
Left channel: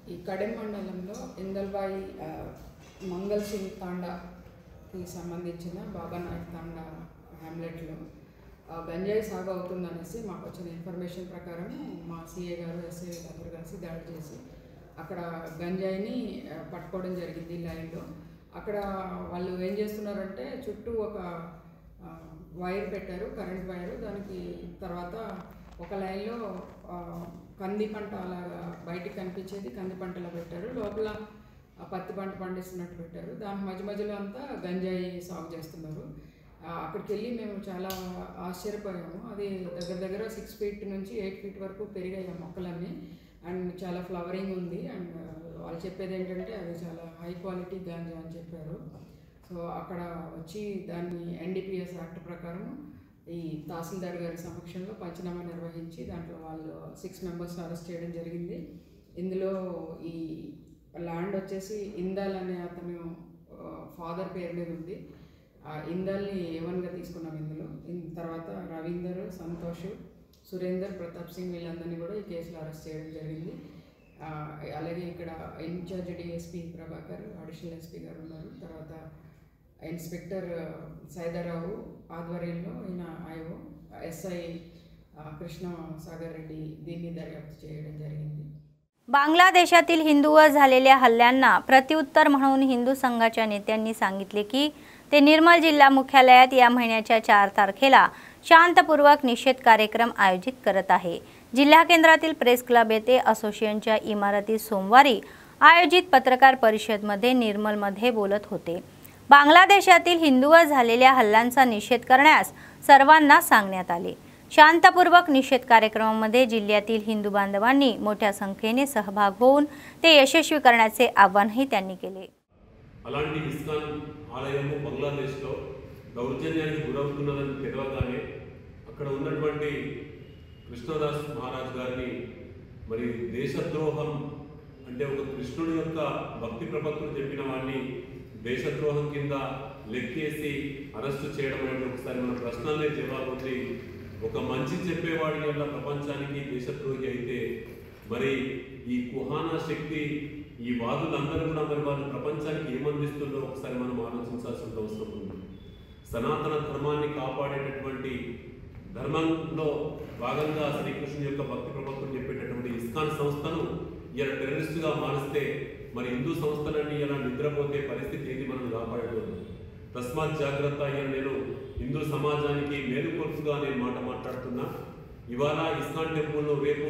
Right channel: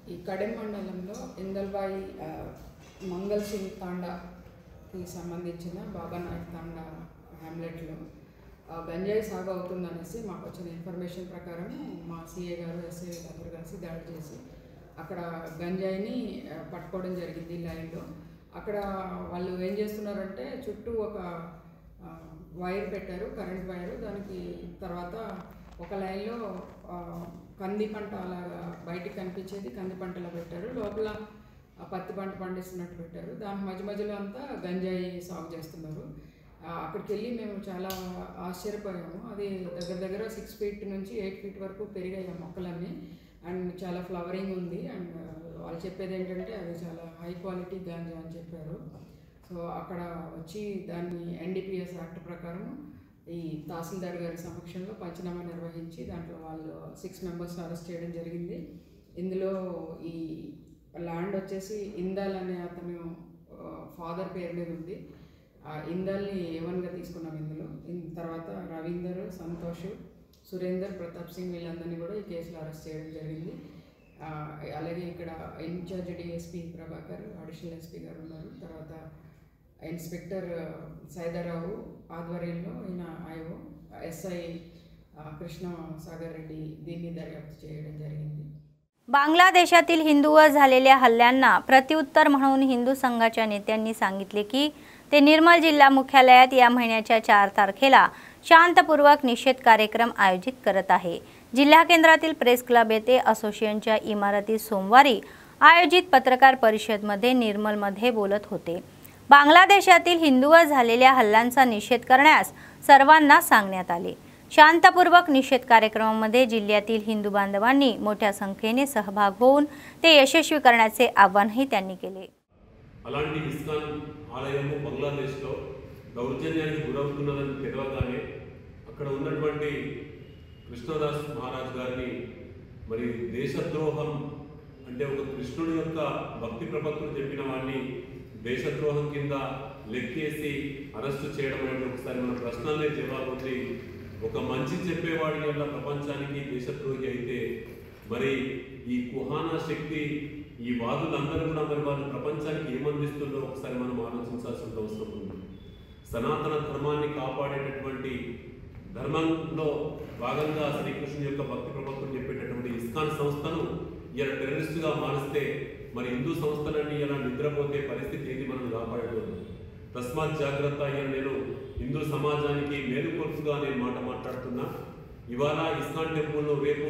ఈ కడెం మండలంలో ఇందల్బాయి మంగల్ సింగ్ తాండాకి సంబంధించిన బాబా నాయక్ తాండా హ్యామ్లెట్లో గంజాయి సాగు అవుతుందనేసి మాకు వచ్చిన ఇన్ఫర్మేషన్ ప్రకారం మా CA గారు SI అందరూ కలిసి దాడి చేసి అక్కడ గంజాయిని పట్టుకోవడం జరిగింది లైన్లో। అక్కడ వాళ్ళు ఏం చేస్తున్నారంటే చుట్టూ ఒక వైర్ పెట్టారు, కరెంట్ వైరు, దానికి తర్వాత ఒక లైన్లో కంది పంట అలాగా బయటికి కనిపించేది కంది పంటలా పెట్టారు, లోపల పత్తి పంట పండిస్తున్నట్టు పెట్టారు, దాని మధ్య మధ్యలో అంతా గంజాయి సాగు చేస్తున్నారు। అక్కడికి వెళ్ళి మేము చాలా ఆశ్చర్యపోయాము। అది దగ్గర దగ్గర 6 ఫీట్ నుంచి 8 ఫీట్ వరకు పెరిగాయి మొక్కలన్నీ అండ్ చాలా ఫ్లవరింగ్ ఉంది అండ్ వాళ్ళు చెప్పేది ఏంటంటే అది చాలా హై క్వాలిటీ గాంజా అని చెప్పారు। సో అక్కడ వచ్చి దాన్ని NDPS యాక్ట్ ప్రకారం ఈ తహసీల్దార్ గారి సమక్షంలో పంచనామా నిర్వహించి దాంట్లో వాళ్ళు 6 మెంబర్స్ అరెస్ట్ చేయడం జరిగింది। ఇందులో ఈ ల్యాండ్ వచ్చేసి ఇందాల్ అనే అతను ఫాదర్ పేరు మీద ఉంది, ఇందాల్ని A1గా తీసుకున్నాం ఇందులో। తర్వాత రవీందర్, సంతోష్, సురేందర్, ప్రతాప్ సింగ్ వీళ్ళందరినీ కూడా ఈ కేసులో అరెస్ట్ చేయడం జరిగింది। అలాగే ఇక్కడ in charge DSP Prabhakar, additional SP గారు ఉన్నారు, తర్వాత ఇన్స్పెక్టర్ సైదారావు ఆధ్వర్యంలో ఈయన IO SI కృష్ణ సాగర్ రెడ్డి దీన్ని దర్యాప్తు చేయడం జరిగింది। बांगलादेशातील हिंदूवर झालेल्या हल्ल्यांना प्रत्युत्तर म्हणून हिंदू संघाच्या नेत्यांनी सांगितले की ते निर्मल जिल्हा मुख्यालयात या महिन्याच्या 4 तारखेला शांतपूर्वक निषेध कार्यक्रम आयोजित करत आहे। जिल्हा केंद्रातील प्रेस क्लब येथे असोसिएशनच्या इमारतीत सोमवारी आयोजित पत्रकार परिषदेमध्ये निर्मलमध्ये बोलत होते। बांगलादेशातील हिंदूवर झालेल्या हल्ल्यांचा निषेध करण्यास सर्वांना सांगण्यात आले। शांतपूर्वक निषेध कार्यक्रमामध्ये जिल्ह्यातील हिंदू बांधवांनी मोठ्या संख्येने सहभाग होऊन ते यशस्वी करण्याचे आवाहनही त्यांनी केले। అలాంటి ఇస్కాన్ ఆలయము బంగ్లాదేశ్లో దౌర్జన్యానికి గురవుతున్నదని తెలియగానే అక్కడ ఉన్నటువంటి కృష్ణదాస్ మహారాజ్ గారిని మరి దేశద్రోహం అంటే ఒక కృష్ణుడి యొక్క భక్తి ప్రపత్తులు చెప్పిన వాడిని దేశద్రోహం కింద లెక్కేసి అరెస్టు చేయడం అనేది ఒకసారి మన ప్రశ్నలనే జవాబు ఉంది। ఒక మంచి చెప్పేవాడి వల్ల ప్రపంచానికి దేశద్రోహి అయితే మరి ఈ కుహానా శక్తి ఈ వాదులందరూ కూడా మరి వాళ్ళు ప్రపంచానికి ఏమందిస్తుందో ఒకసారి మనం ఆలోచించాల్సిన అవసరం ఉంది. సనాతన ధర్మాన్ని కాపాడేటటువంటి ధర్మంలో భాగంగా శ్రీకృష్ణుని యొక్క భక్తి ప్రపత్తులు చెప్పేటటువంటి ఇస్కాన్ సంస్థను ఇలా టెర్రరిస్టుగా మారిస్తే మరి హిందూ సంస్థలన్నీ ఇలా నిద్రపోతే పరిస్థితి ఏది మనం కాపాడేటప్పుడు. తస్మాత్ జాగ్రత్త అయ్యా, నేను హిందూ సమాజానికి మేలుకొలుపుగా నేను మాట్లాడుతున్నా. ఇవాళ ఇస్కాన్ టెంపుల్లో రేపు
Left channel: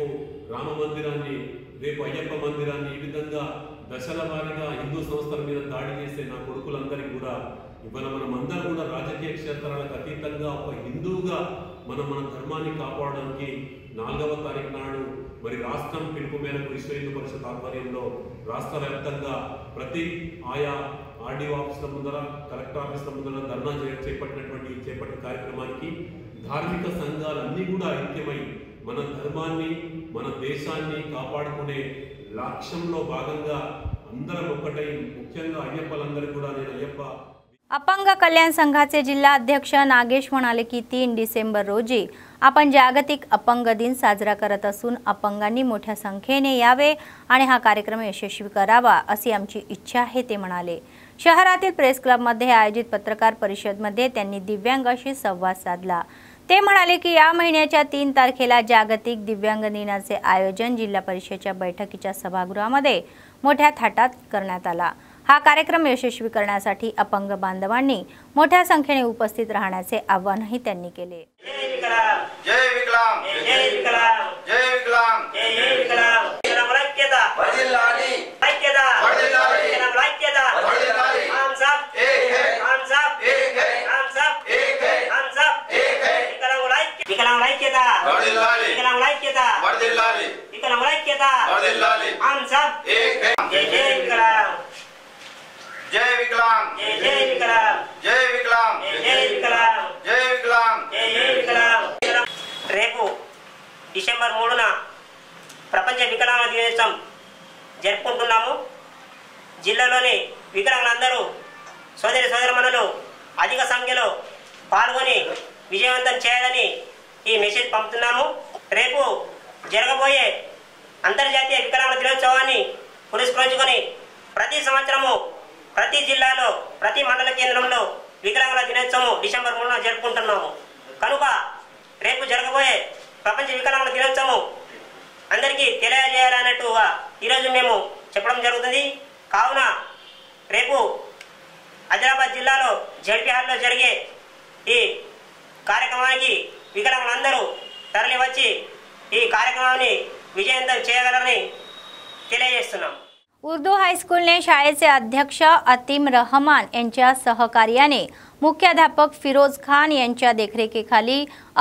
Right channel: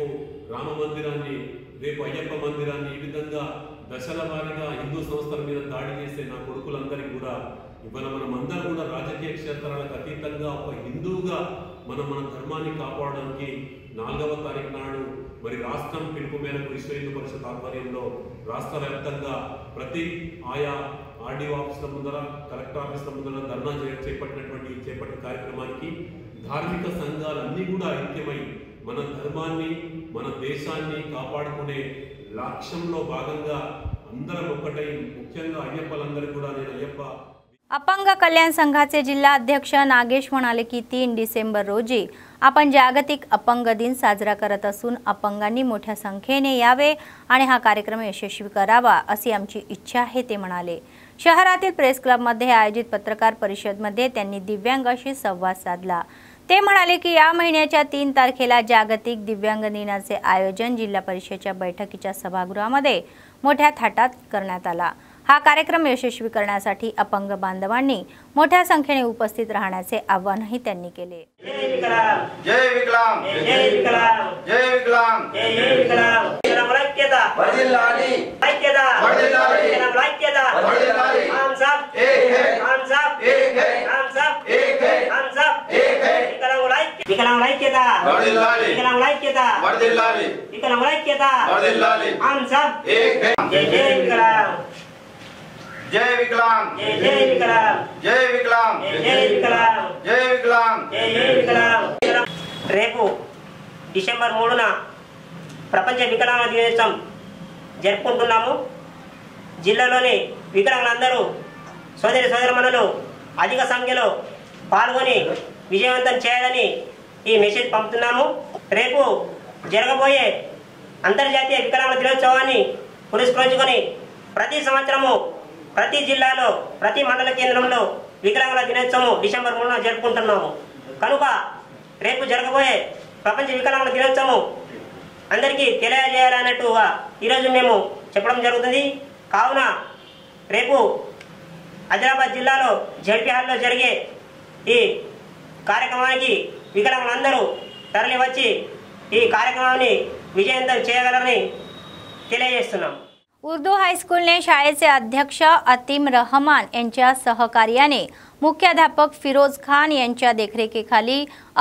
రామ మందిరాన్ని, రేపు అయ్యప్ప మందిరాన్ని ఈ విధంగా దశల వారీగా హిందూ సంస్థల మీద దాడి చేసే నా కొడుకులందరికీ కూడా ఇవాళ మనం అందరూ కూడా రాజకీయ క్షేత్రాలకు అతీతంగా ఒక హిందువుగా మన ధర్మాన్ని కాపాడడానికి 4వ తారీఖు నాడు మరి రాష్ట్రం పిలుపు మేరకు విశ్వ హిందూ పరిషత్ ఆధ్వర్యంలో రాష్ట్ర వ్యాప్తంగా ప్రతి ఆయా ఆర్డీఓ ఆఫీసుల ముందర, కలెక్టర్ ఆఫీసుల ముందర ధర్నా చేపట్టిన కార్యక్రమానికి ధార్మిక సంఘాలన్నీ కూడా ఐక్యమై మన ధర్మాన్ని, మన దేశాన్ని కాపాడుకునే లక్ష్యంలో భాగంగా అందరం ఒక్కటై, ముఖ్యంగా అయ్యప్పలందరూ కూడా నేను अय्यप्पा अपंग कल्याण संघाचे जिल्हा अध्यक्ष नागेश म्हणाले की 3 डिसेंबर रोजी आपण जागतिक अपंग दिन साजरा करत असून अपंगांनी मोठ्या संख्येने यावे आणि हा कार्यक्रम यशस्वी करावा अशी आमची इच्छा आहे ते म्हणाले. शहरातील प्रेस क्लबमध्ये आयोजित पत्रकार परिषदेमध्ये त्यांनी दिव्यांगांशी संवाद साधला. ते म्हणाले की या महिन्याच्या 3 तारखेला जागतिक दिव्यांग दिनाचे आयोजन जिल्हा परिषदेच्या बैठकीच्या सभागृहामध्ये मोठ्या थाटात करण्यात आला. हा कार्यक्रम यशस्वी करण्यासाठी अपंग बांधवांनी मोठ्या संख्येने उपस्थित राहण्याचे आवाहनही त्यांनी केले. जय विकलांग, जय विकलांग, जय विकलांग, जय विकलांग, जय विकलांग. ऐक्यता वर्धिल्लाली, ऐक्यता वर्धिल्लाली, ऐक्यता वर्धिल्लाली. हम सब एक है, हम सब एक है, हम सब एक है, हम सब एक है. विकलांग ऐक्यता वर्धिल्लाली, विकलांग ऐक्यता वर्धिल्लाली, विकलांग ऐक्यता वर्धिल्लाली. हम सब एक है. जय विकलांग, जय विकलांग, जय विकलांग, जय विकलांग, जय विकलांग, जय विकलांग, जय विकलांग. రేపు డిసెంబర్ 3న ప్రపంచ వికలాంగ దినోత్సవం జరుపుకుంటున్నాము. జిల్లాలోని వికలాంగులందరూ సోదరి సోదరమణులు అధిక సంఖ్యలో పాల్గొని విజయవంతం చేయాలని ఈ మెసేజ్ పంపుతున్నాము. రేపు జరగబోయే అంతర్జాతీయ వికలాంగ దినోత్సవాన్ని పురస్కరించుకొని ప్రతి సంవత్సరము ప్రతి జిల్లాలో ప్రతి మండల కేంద్రంలో వికలాంగుల దినోత్సవం డిసెంబర్ 3న జరుపుకుంటున్నాము. కనుక రేపు జరగబోయే ప్రపంచ వికలాంగుల దినోత్సవం అందరికీ తెలియజేయాలన్నట్టుగా ఈరోజు మేము చెప్పడం జరుగుతుంది. కావున రేపు ఆదిలాబాద్ జిల్లాలో జడ్పీ హాల్లో జరిగే ఈ కార్యక్రమానికి వికలాంగులందరూ తరలి వచ్చి ఈ కార్యక్రమాన్ని విజయవంతం చేయగలరని తెలియజేస్తున్నాం. उर्दू हायस्कूलने शाळेचे अध्यक्ष अतीम रहमान यांच्या सहकार्याने मुख्याध्यापक फिरोज खान यांच्या देखरेखीखाली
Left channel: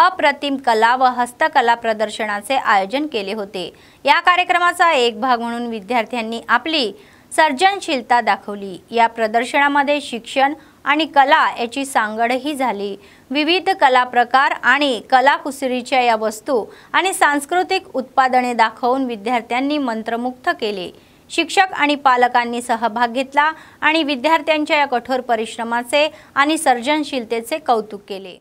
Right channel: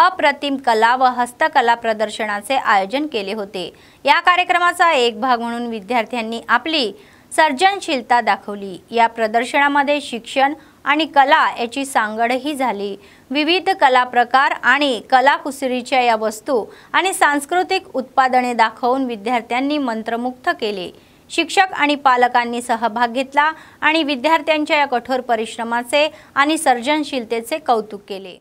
अप्रतिम कला व हस्तकला प्रदर्शनाचे आयोजन केले होते. या कार्यक्रमाचा एक भाग म्हणून विद्यार्थ्यांनी आपली सर्जनशीलता दाखवली. या प्रदर्शनामध्ये शिक्षण आणि कला याची सांगडही झाली. विविध कला प्रकार आणि कलाकुसरीच्या या वस्तू आणि सांस्कृतिक उत्पादने दाखवून विद्यार्थ्यांनी मंत्रमुग्ध केले. शिक्षक आणि पालकांनी सहभाग घेतला आणि विद्यार्थ्यांच्या या कठोर परिश्रमाचे आणि सर्जनशीलतेचे कौतुक केले.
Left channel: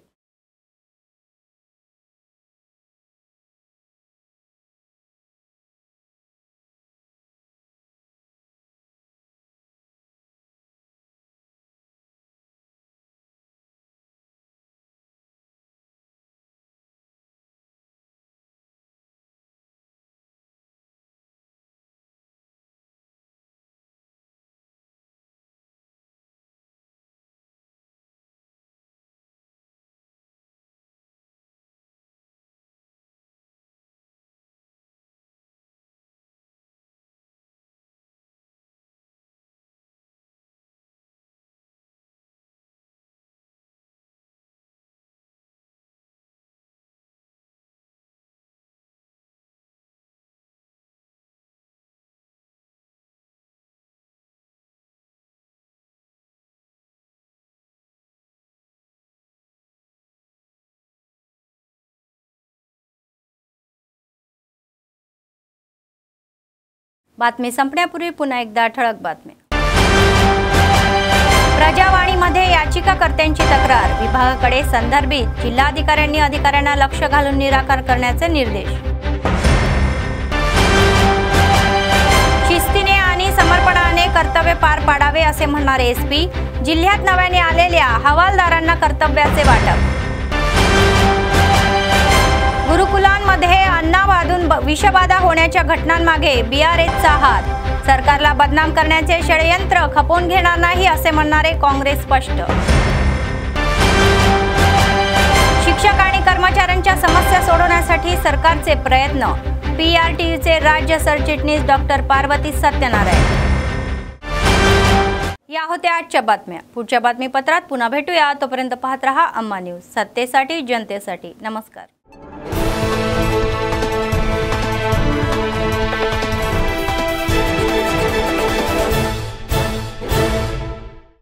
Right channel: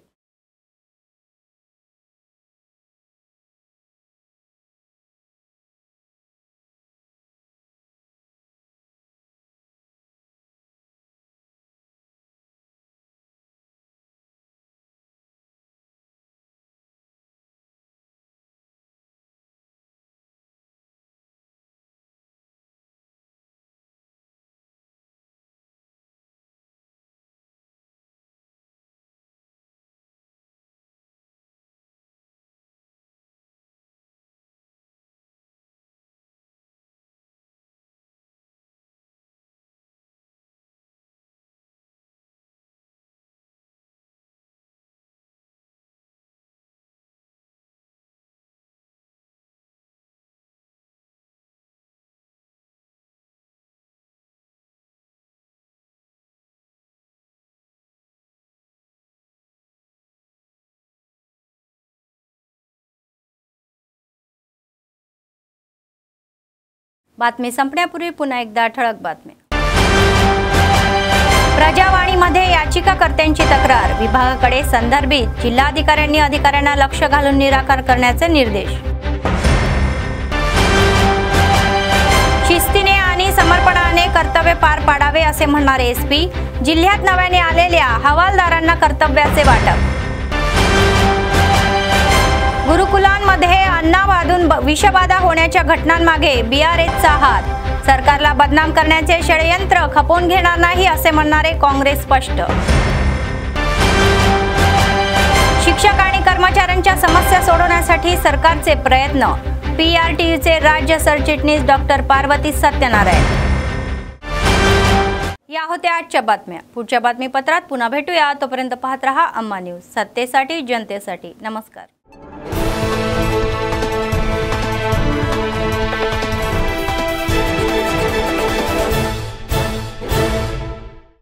बातमी संपण्यापूर्वी पुन्हा एकदा ठळक बातम्या. प्रजावाणीमध्ये याचिकाकर्त्यांची तक्रार, विभागाकडे संदर्भित जिल्हाधिकाऱ्यांनी अधिकाऱ्यांना लक्ष घालून निराकार करण्याचे निर्देश. शिस्तीने आणि समर्पणाने कर्तव्य पार पाडावे असे म्हणणारे एसपी. जिल्ह्यात नव्याने आलेल्या हवालदारांना कर्तव्याचे वाटप. गुरुकुलांमध्ये अन्नावादून विषबाधा होण्याच्या घटनांमागे बीआरएसचा हात. सरकारला बदनाम करण्याचे षडयंत्र खपवून घेणार नाही असे म्हणणारे काँग्रेस स्पष्ट. शिक्षक आणि कर्मचाऱ्यांच्या समस्या सोडवण्यासाठी सरकारचे प्रयत्न. पीआरटीयूचे राज्य सरचिटणीस डॉक्टर पार्वती सत्यनारायण. या होत्या आजच्या बातम्या. पुढच्या बातमीपत्रात पुन्हा भेटूया. तोपर्यंत पाहत रहा अम्मा न्यूज, सत्तेसाठी जनतेसाठी. नमस्कार.